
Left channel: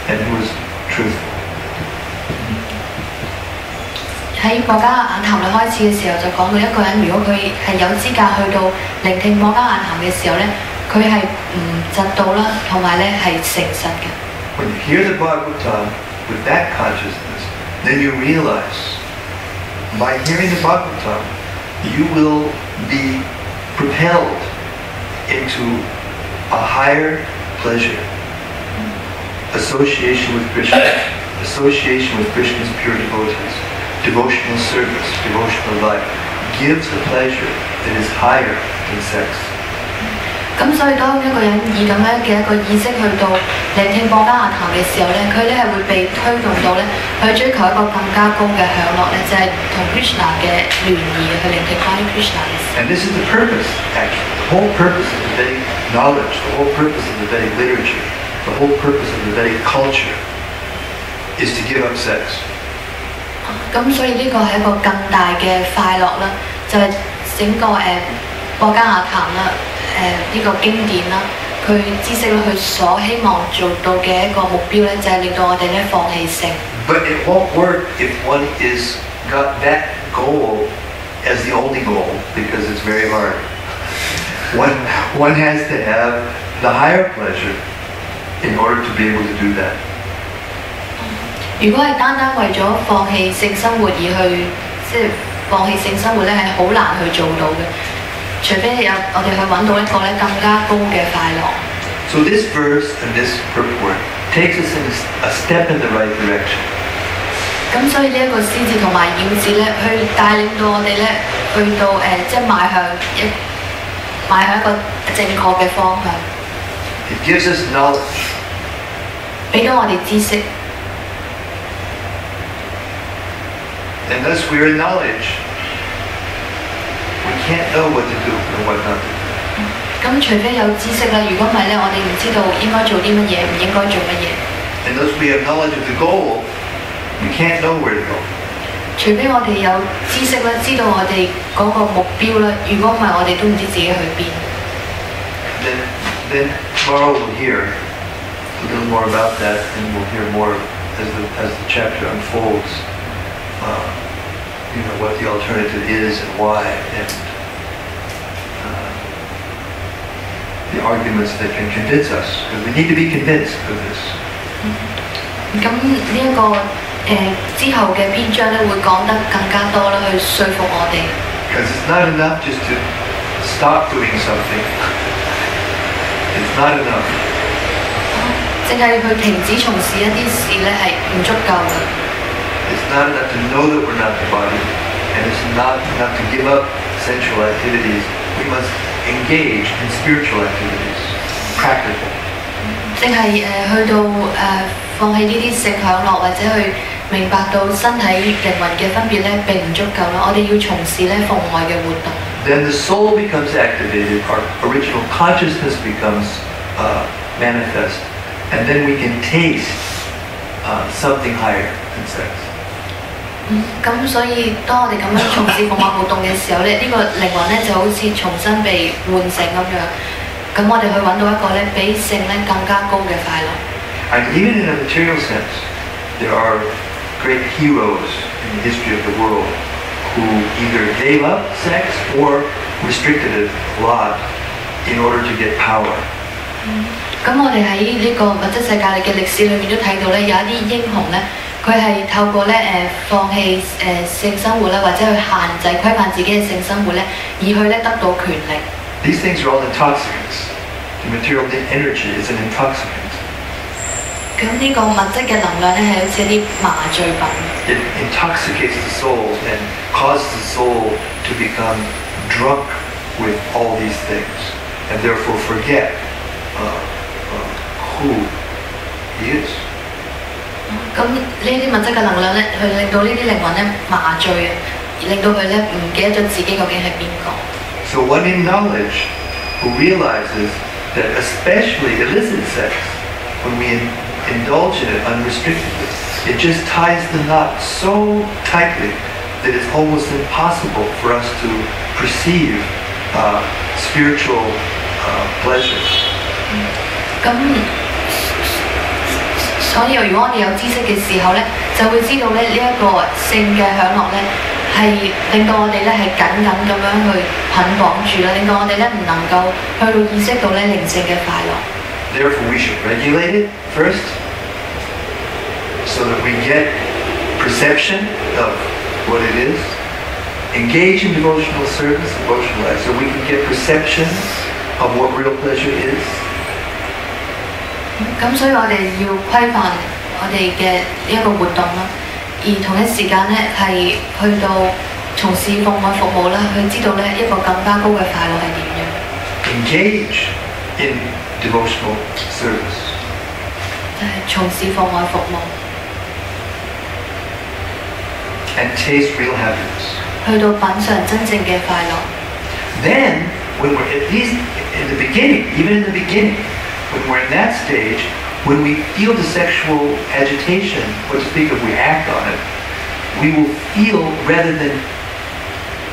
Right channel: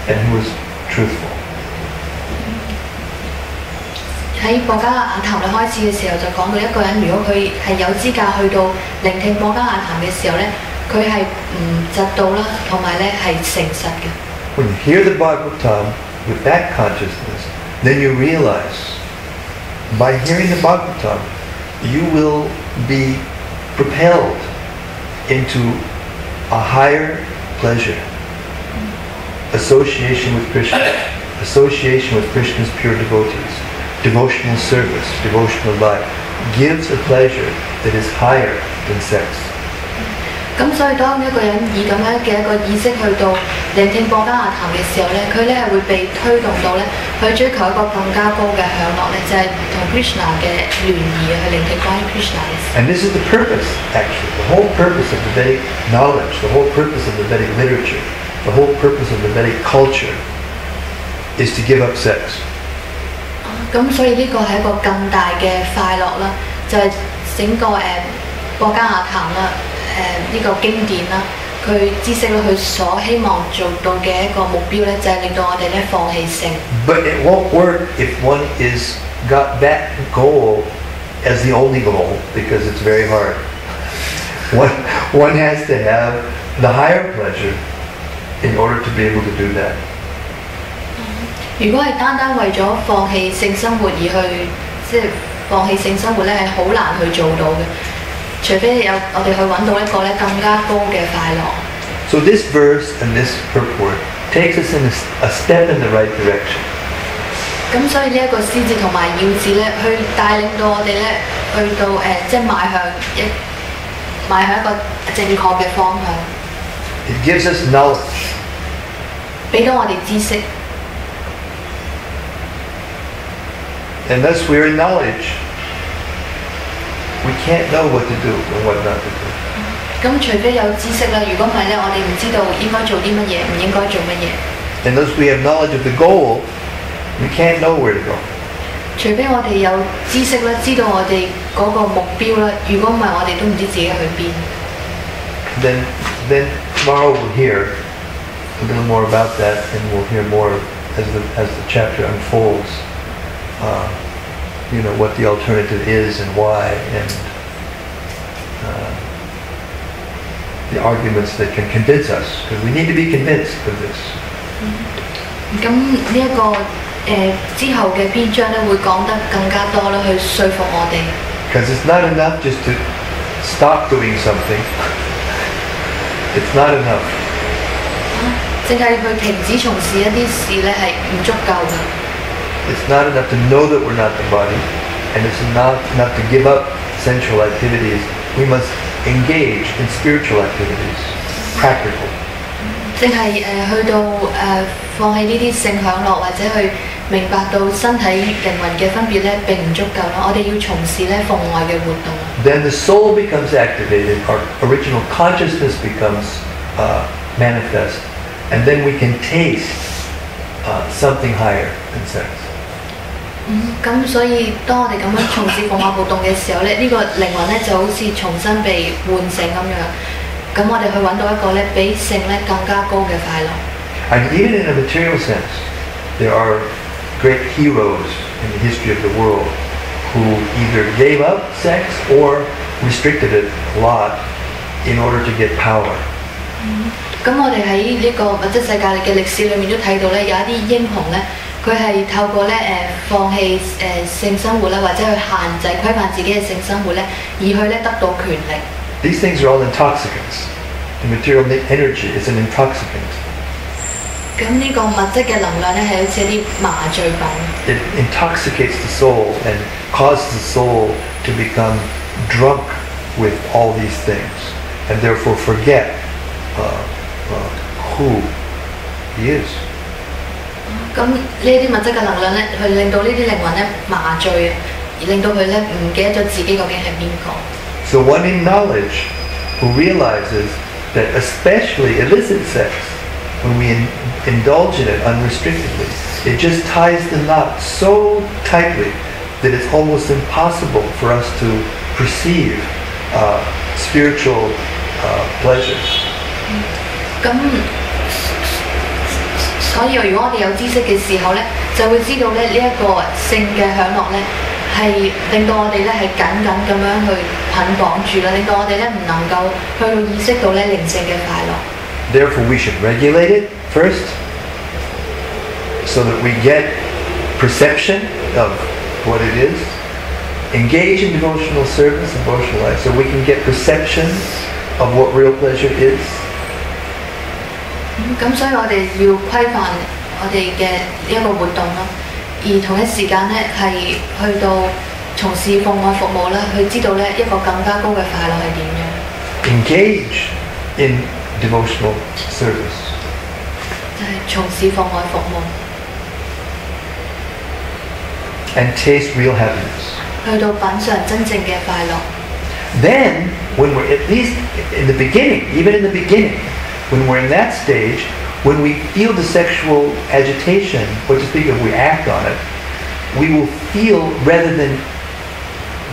and who is truthful. 喺博家雅談嚟開始嘅時候就講到一個人，如果佢係有資格去到聆聽博家雅談嘅時候咧，佢係唔嫉妒啦，同埋咧係誠實嘅。When you hear the Bhagavatam with that consciousness, then you realize by hearing the Bhagavatam, you will be propelled into a higher pleasure. Association with Krishna, association with Krishna's pure devotees, devotional service, devotional life, gives a pleasure that is higher than sex. 咁所以當一個人以咁樣嘅一個意識去到聆聽博家雅談嘅時候咧，佢咧係會被推動到咧去追求一個更加高嘅享樂咧，就係同 Krishna 嘅聯誼，去聆聽關於 Krishna 嘅事。And this is the purpose, actually. The whole purpose of the Vedic knowledge, the whole purpose of the Vedic literature, the whole purpose of the Vedic culture is to give up sex. 咁所以呢個係一個更大嘅快樂啦，就係整個博家雅談啦。呢個經典啦，佢知識咧，佢所希望做到嘅一個目標咧，就係令到我哋咧放棄性。But it won't work if one is got that goal as the only goal because it's very hard. One has to have the higher pleasure in order to be able to do that. 如果係單單為咗放棄性生活而去，即係放棄性生活咧，係好難去做到嘅。除非我哋去揾到一個咧更加高嘅快樂。So this verse and this purport takes us in a step in the right direction. 咁所以呢一個詩字同埋要字咧，去帶領到我哋咧去到即係邁向一個正確嘅方向。It gives us knowledge. 俾到我哋知識。And thus we're in knowledge. We can't know what to do and what not to do. 咁除非有知識啦，如果唔係咧，我哋唔知道應該做啲乜嘢，唔應該做乜嘢。And thus we have knowledge of the goal, we can't know where to go. 除非我哋有知識啦，知道我哋嗰個目標啦，如果唔係，我哋都唔知自己去邊。Then tomorrow we'll hear a little more about that, and we'll hear more as the chapter unfolds. What the alternative is and why, and the arguments that can convince us, because we need to be convinced of this. 咁呢一個之後嘅篇章咧，會講得更加多啦，去說服我哋。Because it's not enough just to stop doing something. It's not enough. 淨係去停止從事一啲事咧，係唔足夠嘅。It's not enough to know that we're not the body, and it's not enough to give up sensual activities. We must engage in spiritual activities, practical. 淨係去到放棄呢啲性享樂，或者去明白到身體靈魂嘅分別咧，並唔足夠啦。我哋要從事咧奉愛嘅活動。Then the soul becomes activated, our original consciousness becomes manifest, and then we can taste something higher than sex. 咁所以當我哋咁樣從事奉愛活動嘅時候咧，呢個靈魂咧就好似重新被喚醒咁樣。咁我哋去揾到一個咧比性咧更加高嘅快樂。And even in a material sense, there are great heroes in the history of the world who either gave up sex or restricted it a lot in order to get power. 咁我哋喺呢個物質世界嘅歷史裏面都睇到咧，有一啲英雄咧，佢係透過咧放棄性生活啦，或者去限制規範自己嘅性生活咧，而去咧得到權力。These things are all intoxicants. The material energy is an intoxicant. 咁呢個物質嘅能量咧係好似一啲麻醉品。It intoxicates the soul and causes the soul to become drunk with all these things, and therefore forget who he is. 咁呢啲物質嘅能量咧，去令到呢啲靈魂咧麻醉，而令到佢咧唔記得咗自己究竟係邊個。So one in knowledge who realizes that especially illicit sex, when we indulge in it unrestrictedly, it just ties the knot so tightly that it's almost impossible for us to perceive spiritual pleasure. 咁所以如果我哋有知識嘅時候咧，就會知道咧呢一個性嘅享樂咧係令到我哋咧係緊緊咁樣去捆綁住啦，令到我哋咧唔能夠去到意識到咧靈性嘅快樂。Therefore, we should regulate it first, so that we get perception of what it is. Engage in devotional service, devotional life, so we can get perception of what real pleasure is. 咁所以我哋要規範我哋嘅呢一個活動啦，而同一時間咧係去到從事奉愛服務啦，去知道咧一個更加高嘅快樂係點樣。Engage in devotional service. 就係從事奉愛服務。And taste real happiness. 去到品嚐真正嘅快樂。Then, when we're at least in the beginning, even in the beginning, when we're in that stage, when we feel the sexual agitation, what to speak of, we act on it, we will feel, rather than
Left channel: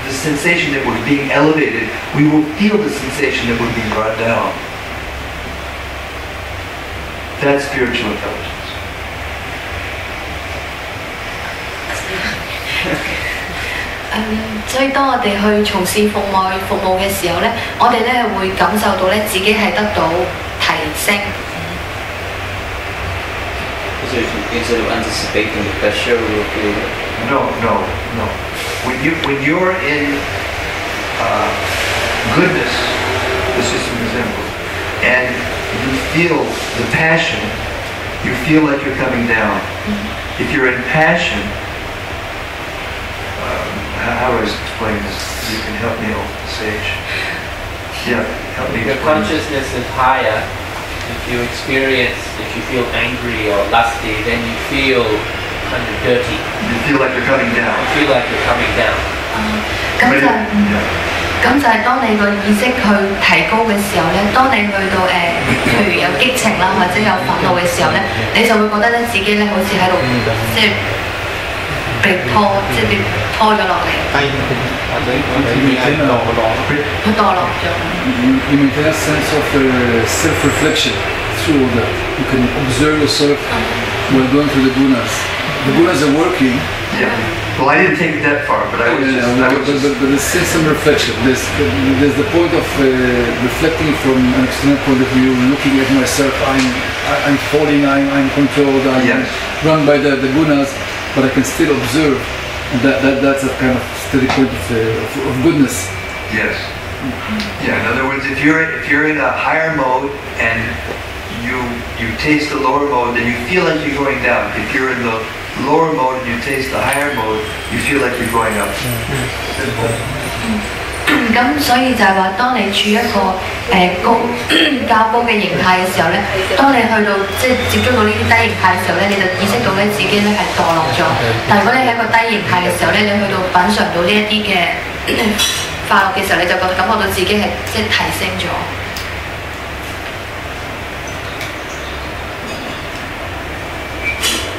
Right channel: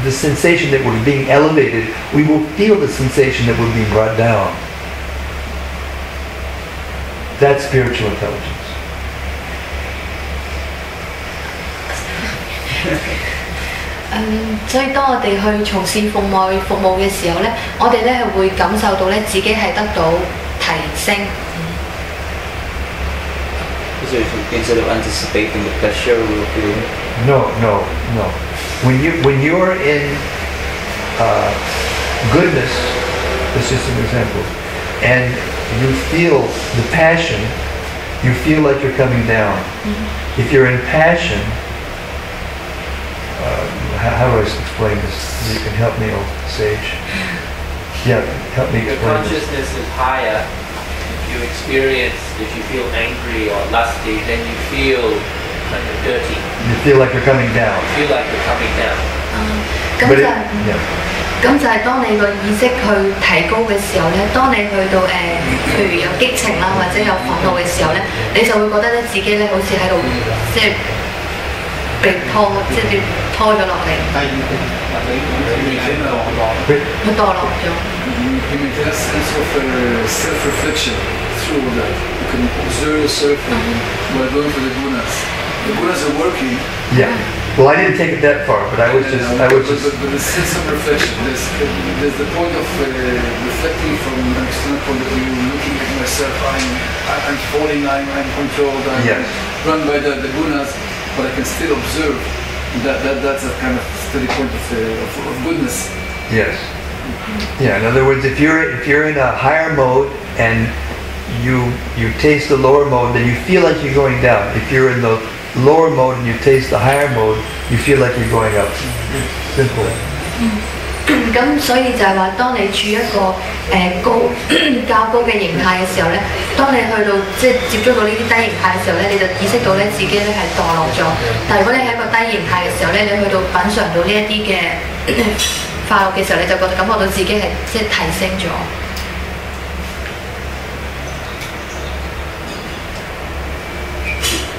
the sensation that we're being elevated, we will feel the sensation that we're being brought down. That's spiritual intelligence. 所以當我哋去從事奉愛服務嘅時候咧，我哋咧係會感受到咧自己係得到提升。So instead of anticipating the pleasure, we'll feel it. No. When you're in goodness, this is an example, and you feel the passion, you feel like you're coming down. Mm-hmm. If you're in passion, how do I explain this? You can help me, old sage. Yeah, help me Your explain. consciousness is higher. If you feel angry or lusty, then you feel kind of dirty. You feel like you're coming down. You feel like you're coming down. 咁就係當你個意識去提高嘅時候咧，當你去到譬如有激情啦，或者有憤怒嘅時候咧，你就會覺得咧自己咧好似喺度即係被拖，即係拖咗落嚟。佢墮落咗。You maintain a sense of self-reflection through that. You can observe yourself while going through the gunas. The gunas are working. Yeah. Well, I didn't take it that far, but I was just. But there's still some reflection. There's the point of reflecting from an external point of view, looking at myself. I'm falling. I'm controlled. I'm run by the gunas, but I can still observe. And that's a kind of steady point of goodness. Yes. Yeah. In other words, if you're in a higher mode and you taste the lower mode, then you feel like you're going down. If you're in the lower mode and you taste the higher mode, you feel like you're going up. Simple. 咁所以就係話，當你處於一個較高嘅形態嘅時候咧，當你去到即係接觸到呢啲低形態嘅時候咧，你就意識到咧自己咧係墮落咗。但係如果你喺一個低形態嘅時候咧，你去到品嚐到呢一啲嘅快樂嘅時候，你就感覺到自己係即係提升咗。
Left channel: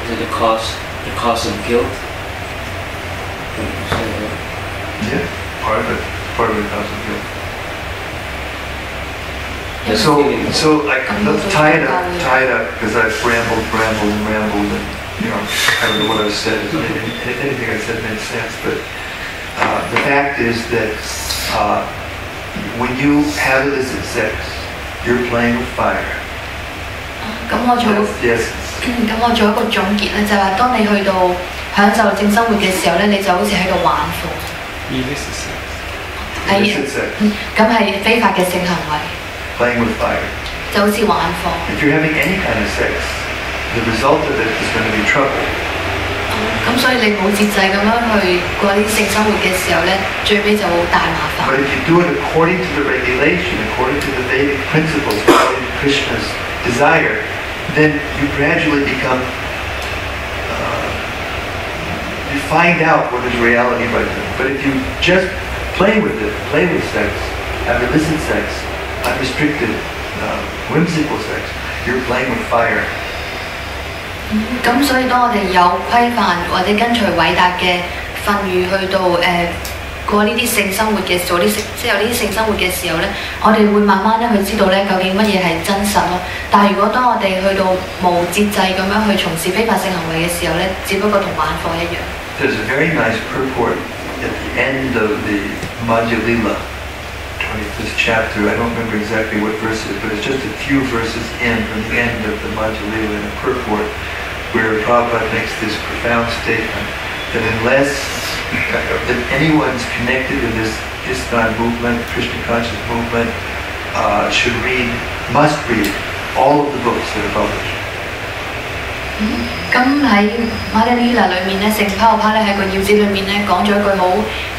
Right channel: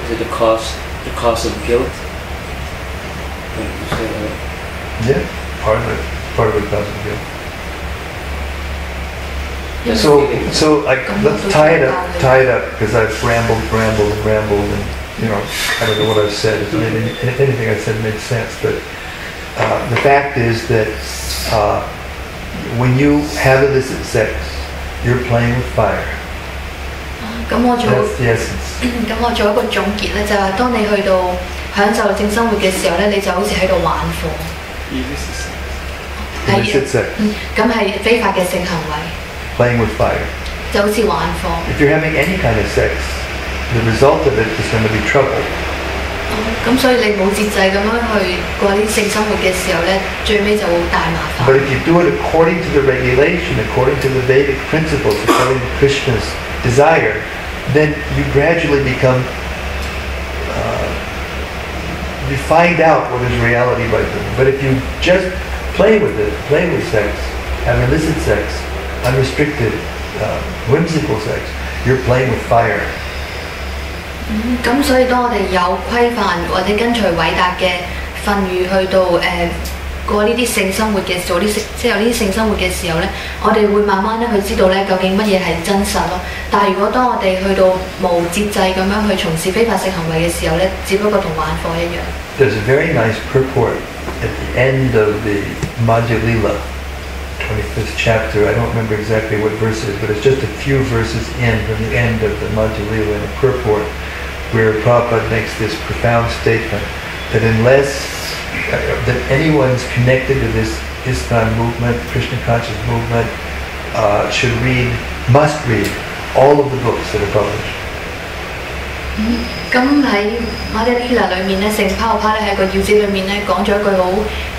Is it the cause of guilt? Yeah, part of it causes guilt. Just So like let's tie it up because I've rambled and I don't know what I've said. If anything I said makes sense, but the fact is that when you have illicit sex, you're playing with fire. 咁我做 That's the essence. 咁我做一個總結咧，就係話當你去到享受性生活嘅時候咧，你就好似喺度玩火，Illicit sex. 咁係非法嘅性行為， Playing with fire. 就好似玩火。 If you're having any kind of sex, the result of it is going to be trouble. 咁所以你冇節制咁樣去過啲性生活嘅時候咧，最尾就好大麻煩。 But if you do it according to the regulation, according to the Vedic principles, according to Krishna's desire, then you gradually become, you find out what is reality by doing. But if you just play with it, play with sex, have illicit sex, unrestricted, whimsical sex, you're playing with fire. 咁所以當我哋有規範或者跟隨偉大嘅訓諭去到過呢啲性生活嘅做啲即係有呢啲性生活嘅時候咧，我哋會慢慢咧去知道咧究竟乜嘢係真實咯。但係如果當我哋去到無節制咁樣去從事非法性行為嘅時候咧，只不過同玩火一樣。There's a very nice purport at the end of the Madhya Lila, 25th chapter. I don't remember exactly what verse it is, but it's just a few verses in from the end of the Madhya Lila in the purport, where Prabhupada makes this profound statement that unless that anyone's connected to this ISKCON movement, Krishna conscious movement, must read all of the books that are published. 咁喺馬德里娜裏面咧，聖泡泡咧喺個要旨裏面咧講咗一句好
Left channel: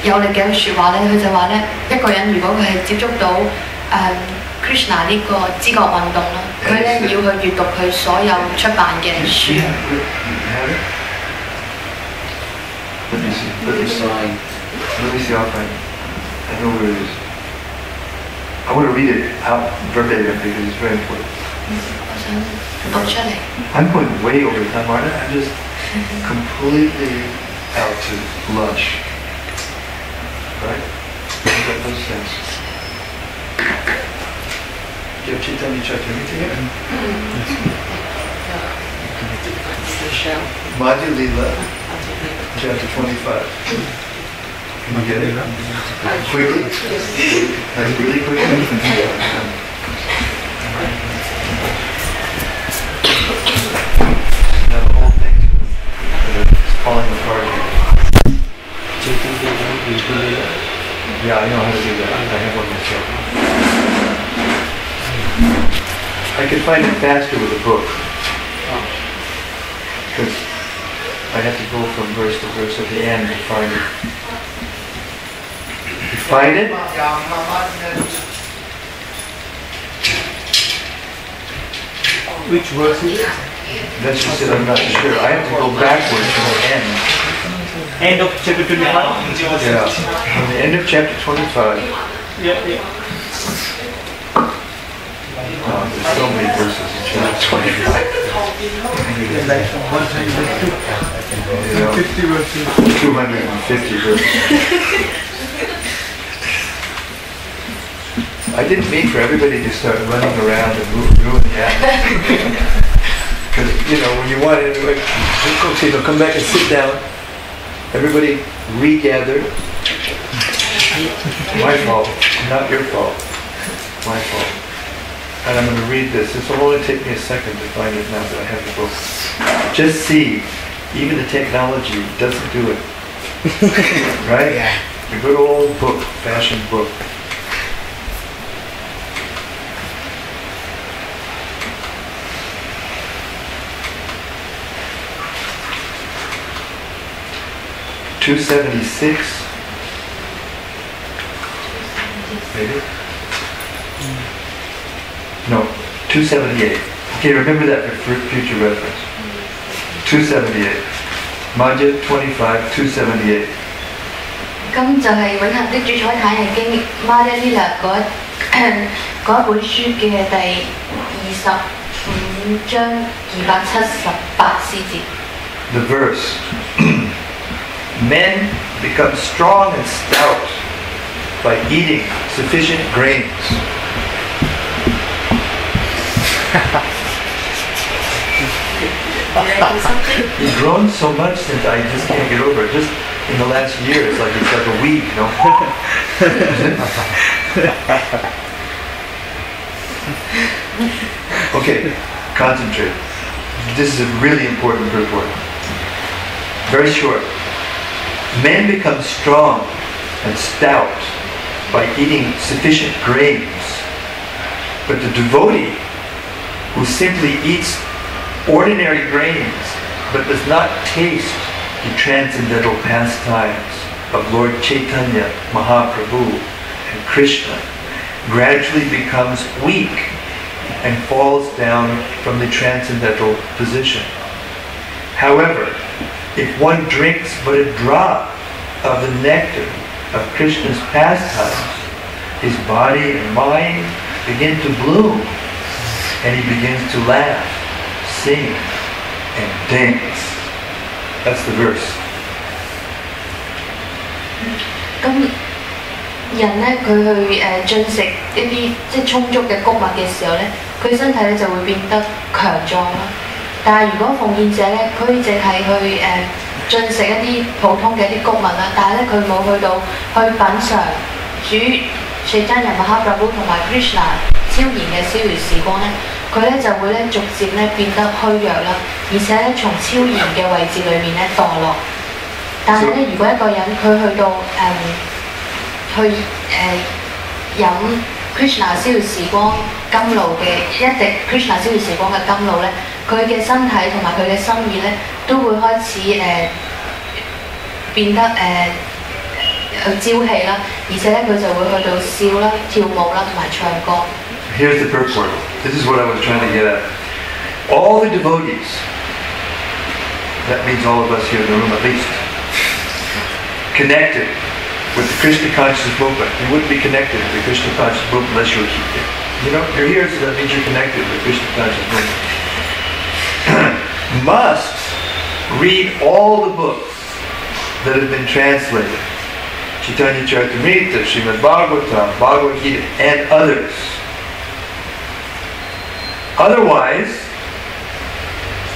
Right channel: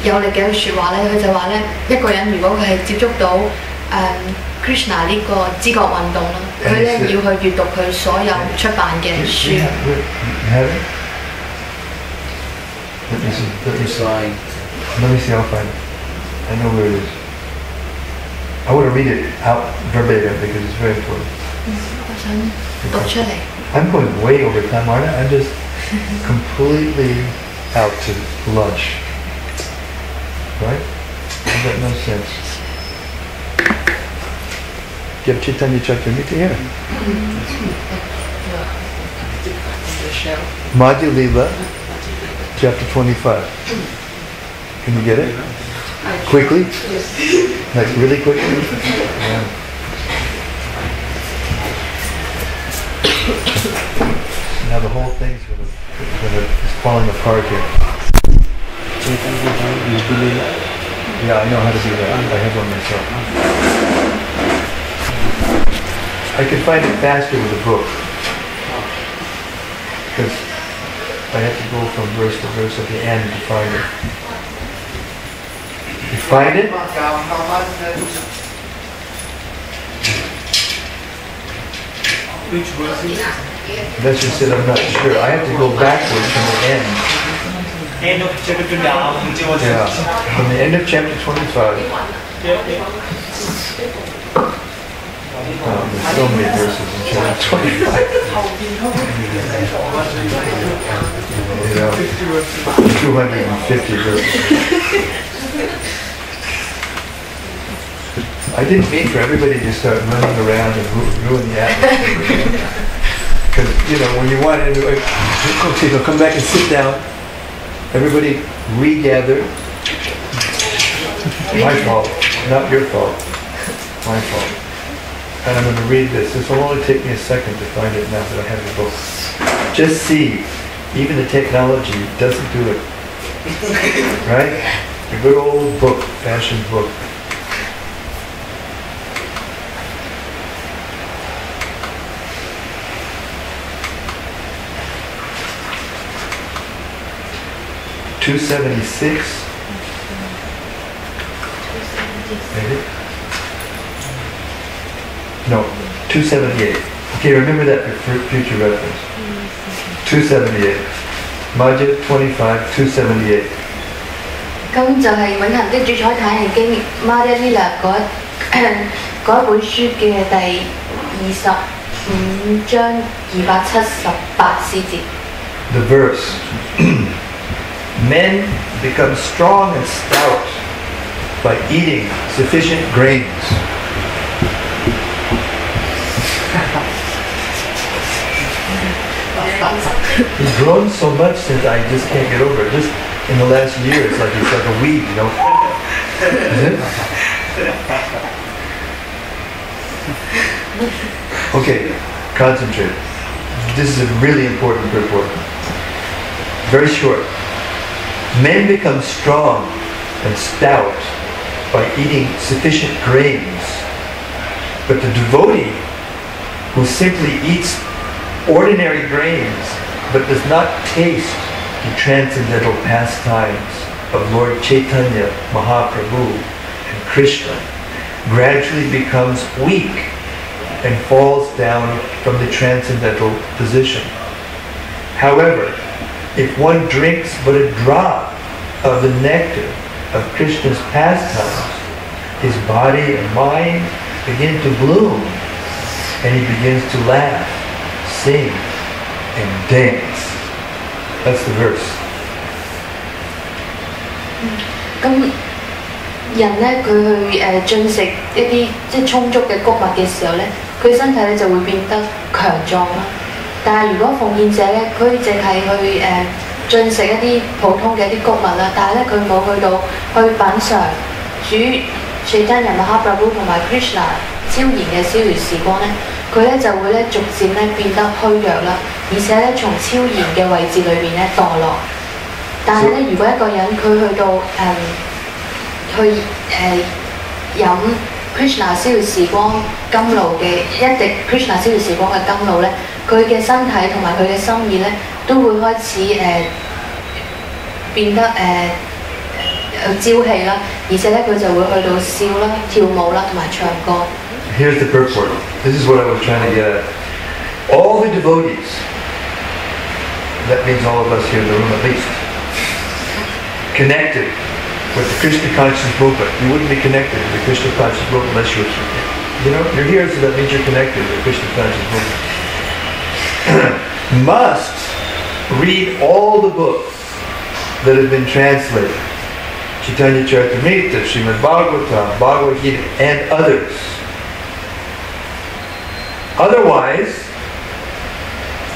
有力嘅一句説話咧，佢就話咧一個人如果佢係接觸到Krishna 呢個知覺運動啦，佢咧要去閱讀佢所有出版嘅書。Let me see. Let me see. I'll find it. I know where it is. I want to read it out verbatim because it's very important. 我想讀出嚟。I'm going way over time, aren't I? I'm just completely out to lunch. Right? Does that make sense? Give Chaitanya Chaturmiti here. Madhya Lila, chapter 25. Can you get it? Quickly? Like really quickly? Yeah. Now the whole thing's is falling apart here. Yeah, I know how to do that. I have one myself. I can find it faster with a book. Because I have to go from verse to verse at the end to find it. You find it? Which verse is it? That's just it, I'm not sure. I have to go backwards from the end. End of chapter 25. Yeah, from the end of chapter 25. Yeah. Oh, there's so many verses in chapter 25. 250 verses. I didn't mean for everybody to start running around and ruin the atmosphere. Because, when you want to, okay, so come back and sit down. Everybody regather. My fault, not your fault. My fault. And I'm going to read this. This will only take me a second to find it now that I have the book. Just see, even the technology doesn't do it. Right? A good old book, fashioned book. $276, maybe? No, 278. Okay, remember that for future reference. 278. Madhya 25, 278. 咁就係《永恆的主宰坦譯經》Madhya Lila 嗰一本書嘅第25章278詩節。 The verse. Men become strong and stout by eating sufficient grains. He's grown so much that I just can't get over it. Just in the last year, it's like a weed, you know. Okay, concentrate. This is a really important purport. Very short. Men become strong and stout by eating sufficient grains, but the devotee who simply eats ordinary grains but does not taste the transcendental pastimes of Lord Chaitanya Mahaprabhu and Krishna gradually becomes weak and falls down from the transcendental position. However, if one drinks but a drop of the nectar of Krishna's pastimes, his body and mind begin to bloom, and he begins to laugh, sing, and dance. That's the verse. 咁人咧，佢去進食一啲即係充足嘅穀物嘅時候咧，佢身體咧就會變得強壯啦。但係如果奉獻者咧，佢淨係去進食一啲普通嘅一啲穀物啦，但係咧佢冇去到去品嚐主Chaitanya Mahaprabhu 同埋 Krishna 超然嘅逍遙時光咧，佢咧就會咧逐漸咧變得虛弱啦，而且咧從超然嘅位置裏面咧墮落。但係咧，如果一個人佢去到飲 Krishna 逍遙時光甘露嘅一滴 Krishna 逍遙時光嘅甘露咧，佢嘅身體同埋佢嘅心意咧都會開始變得朝氣啦，而且咧佢就會去到笑啦、跳舞啦同埋唱歌。Here's the purport. This is what I was trying to get at. All the devotees, that means all of us here in the room at least, connected with the Krishna consciousness movement. You wouldn't be connected with the Krishna consciousness movement unless you're here, so that means you're connected with the Krishna consciousness movement. Must read all the books that have been translated. Chaitanya Charitamrita, Srimad Bhagavatam, Bhagavad Gita, and others. Otherwise,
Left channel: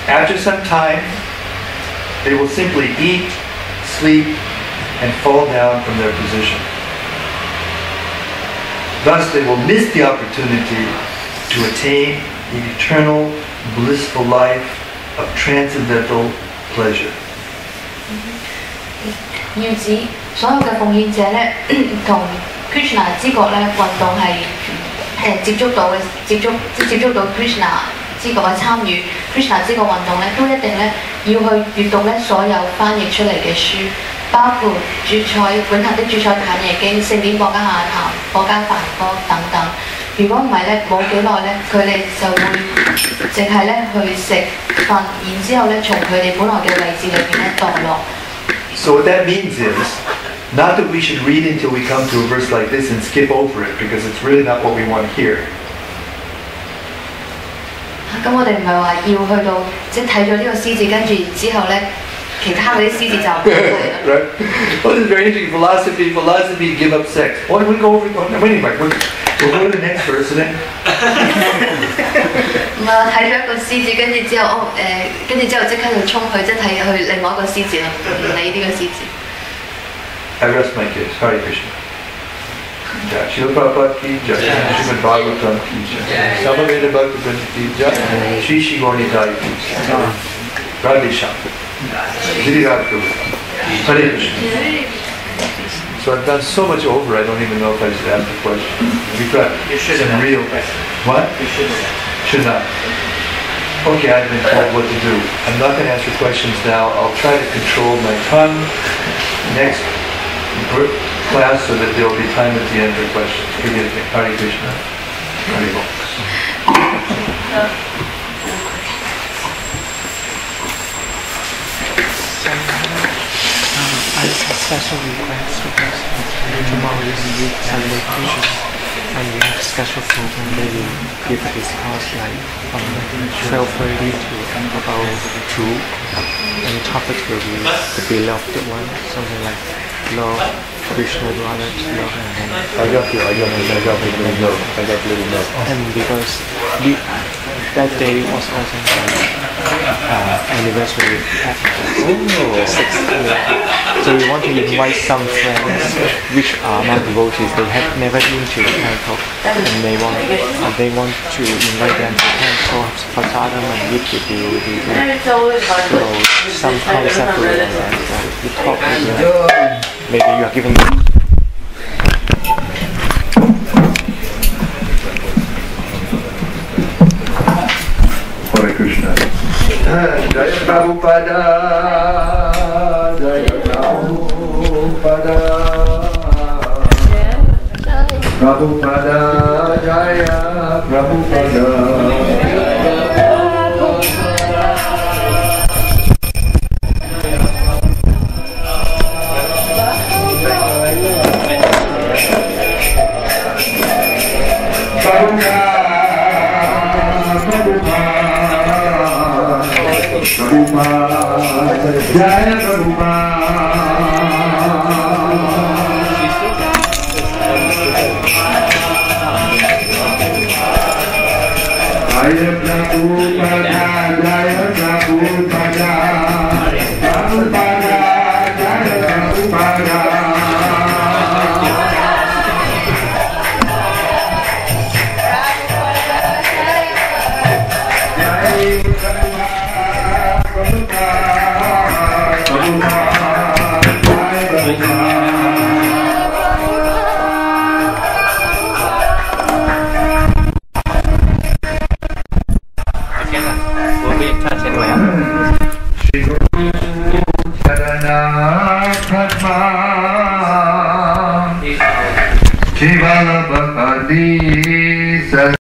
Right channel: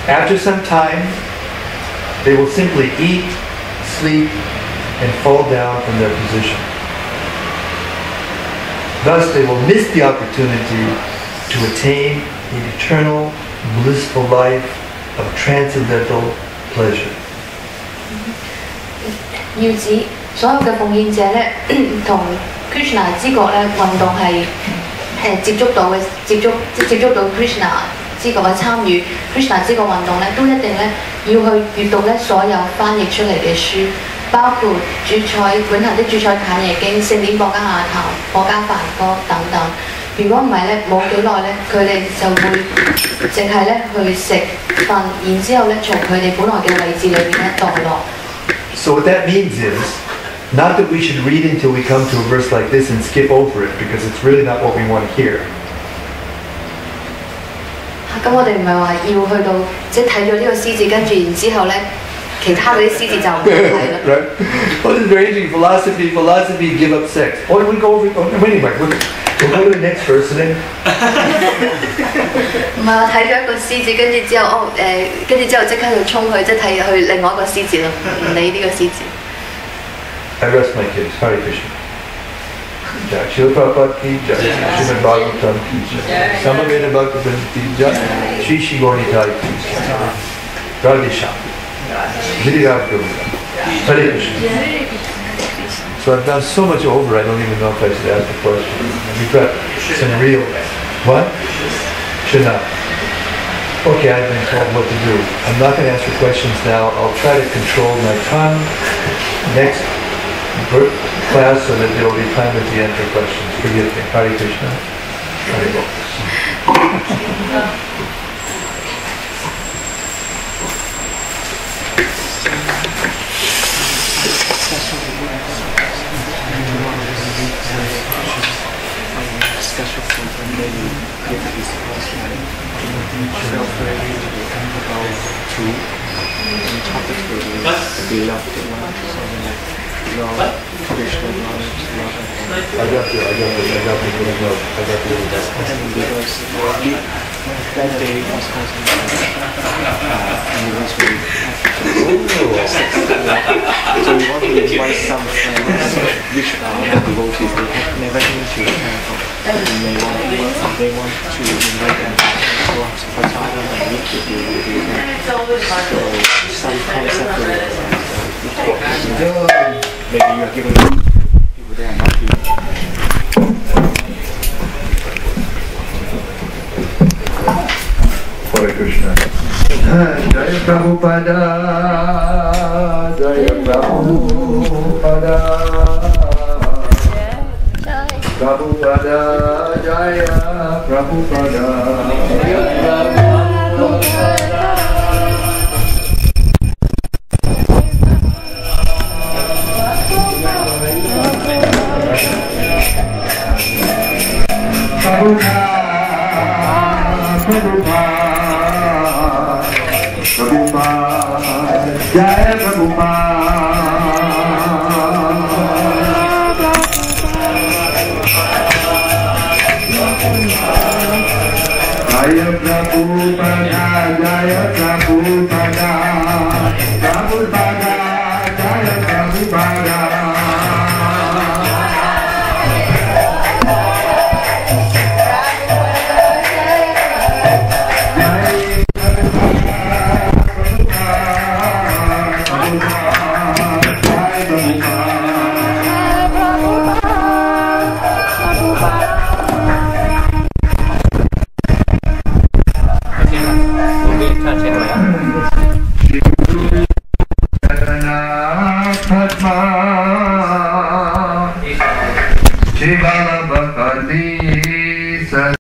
after some time, they will simply eat, sleep, and fall down from their position. Thus, they will miss the opportunity to attain the eternal, blissful life of transcendental pleasure. 要指所有嘅奉獻者咧，同 Krishna 知覺咧運動係接觸到 Krishna 知覺嘅參與 Krishna 知覺運動咧，都一定咧要去閲讀咧所有翻譯出嚟嘅書，包括永恆的主宰坦耶經、聖典博家下談、博家梵歌等等。如果唔係咧，冇幾耐咧，佢哋就會淨係咧去食瞓，然之後咧從佢哋本來嘅位置裏面咧墮落。So what that means is, not that we should read until we come to a verse like this and skip over it, because it's really not what we want to hear. 咁我哋唔係話要去到即係睇咗呢個詩字，跟住然之後咧，其他嗰啲詩字就唔睇啦。Right? Well, this is very interesting. Philosophy, give up sex. Oh, we go over. Oh, no, wait a minute. We'll go to the next verse then. 唔係話睇咗一個詩字，跟住之後即刻去衝去，即係睇去另外一個詩字咯，唔理呢個詩字。I rest my case. Hare Krishna. Jai Srila Prabhupada ki jai. Srimad Bhagavatam ki jai. Samaveda Bhakta Vrinda ki jai. Shri Shri Gaurnitai ki jai. Radhe Shyam. Giriraj Govardhan. Hare Krishna. So I've done so much over, I don't even know if I should ask the question. We've got some real... What? Should not. Okay, I've been told what to do. I'm not going to answer questions now. I'll try to control my tongue next class so that there will be time at the end for questions. Forgive me. Hare Krishna. Hare Bol. Special request because tomorrow is Sunday Christmas and we have special program that we give this class like 12:30 to about 2 and topics will be the beloved one, something like love, traditional knowledge, love and love. I got the little note. And because that day was also anniversary packages. So we want to invite some friends which are not devotees. They have never been to the temple, and they want to invite them to the temple for sadhana and meet with you. So some concept of that. You talk maybe you are giving people they are not Hare Krishna. Jaya Prabhupada, Jaya Prabhupada, Prabhupada, Jaya Prabhupada. Jaya Shri Guru Charana Padma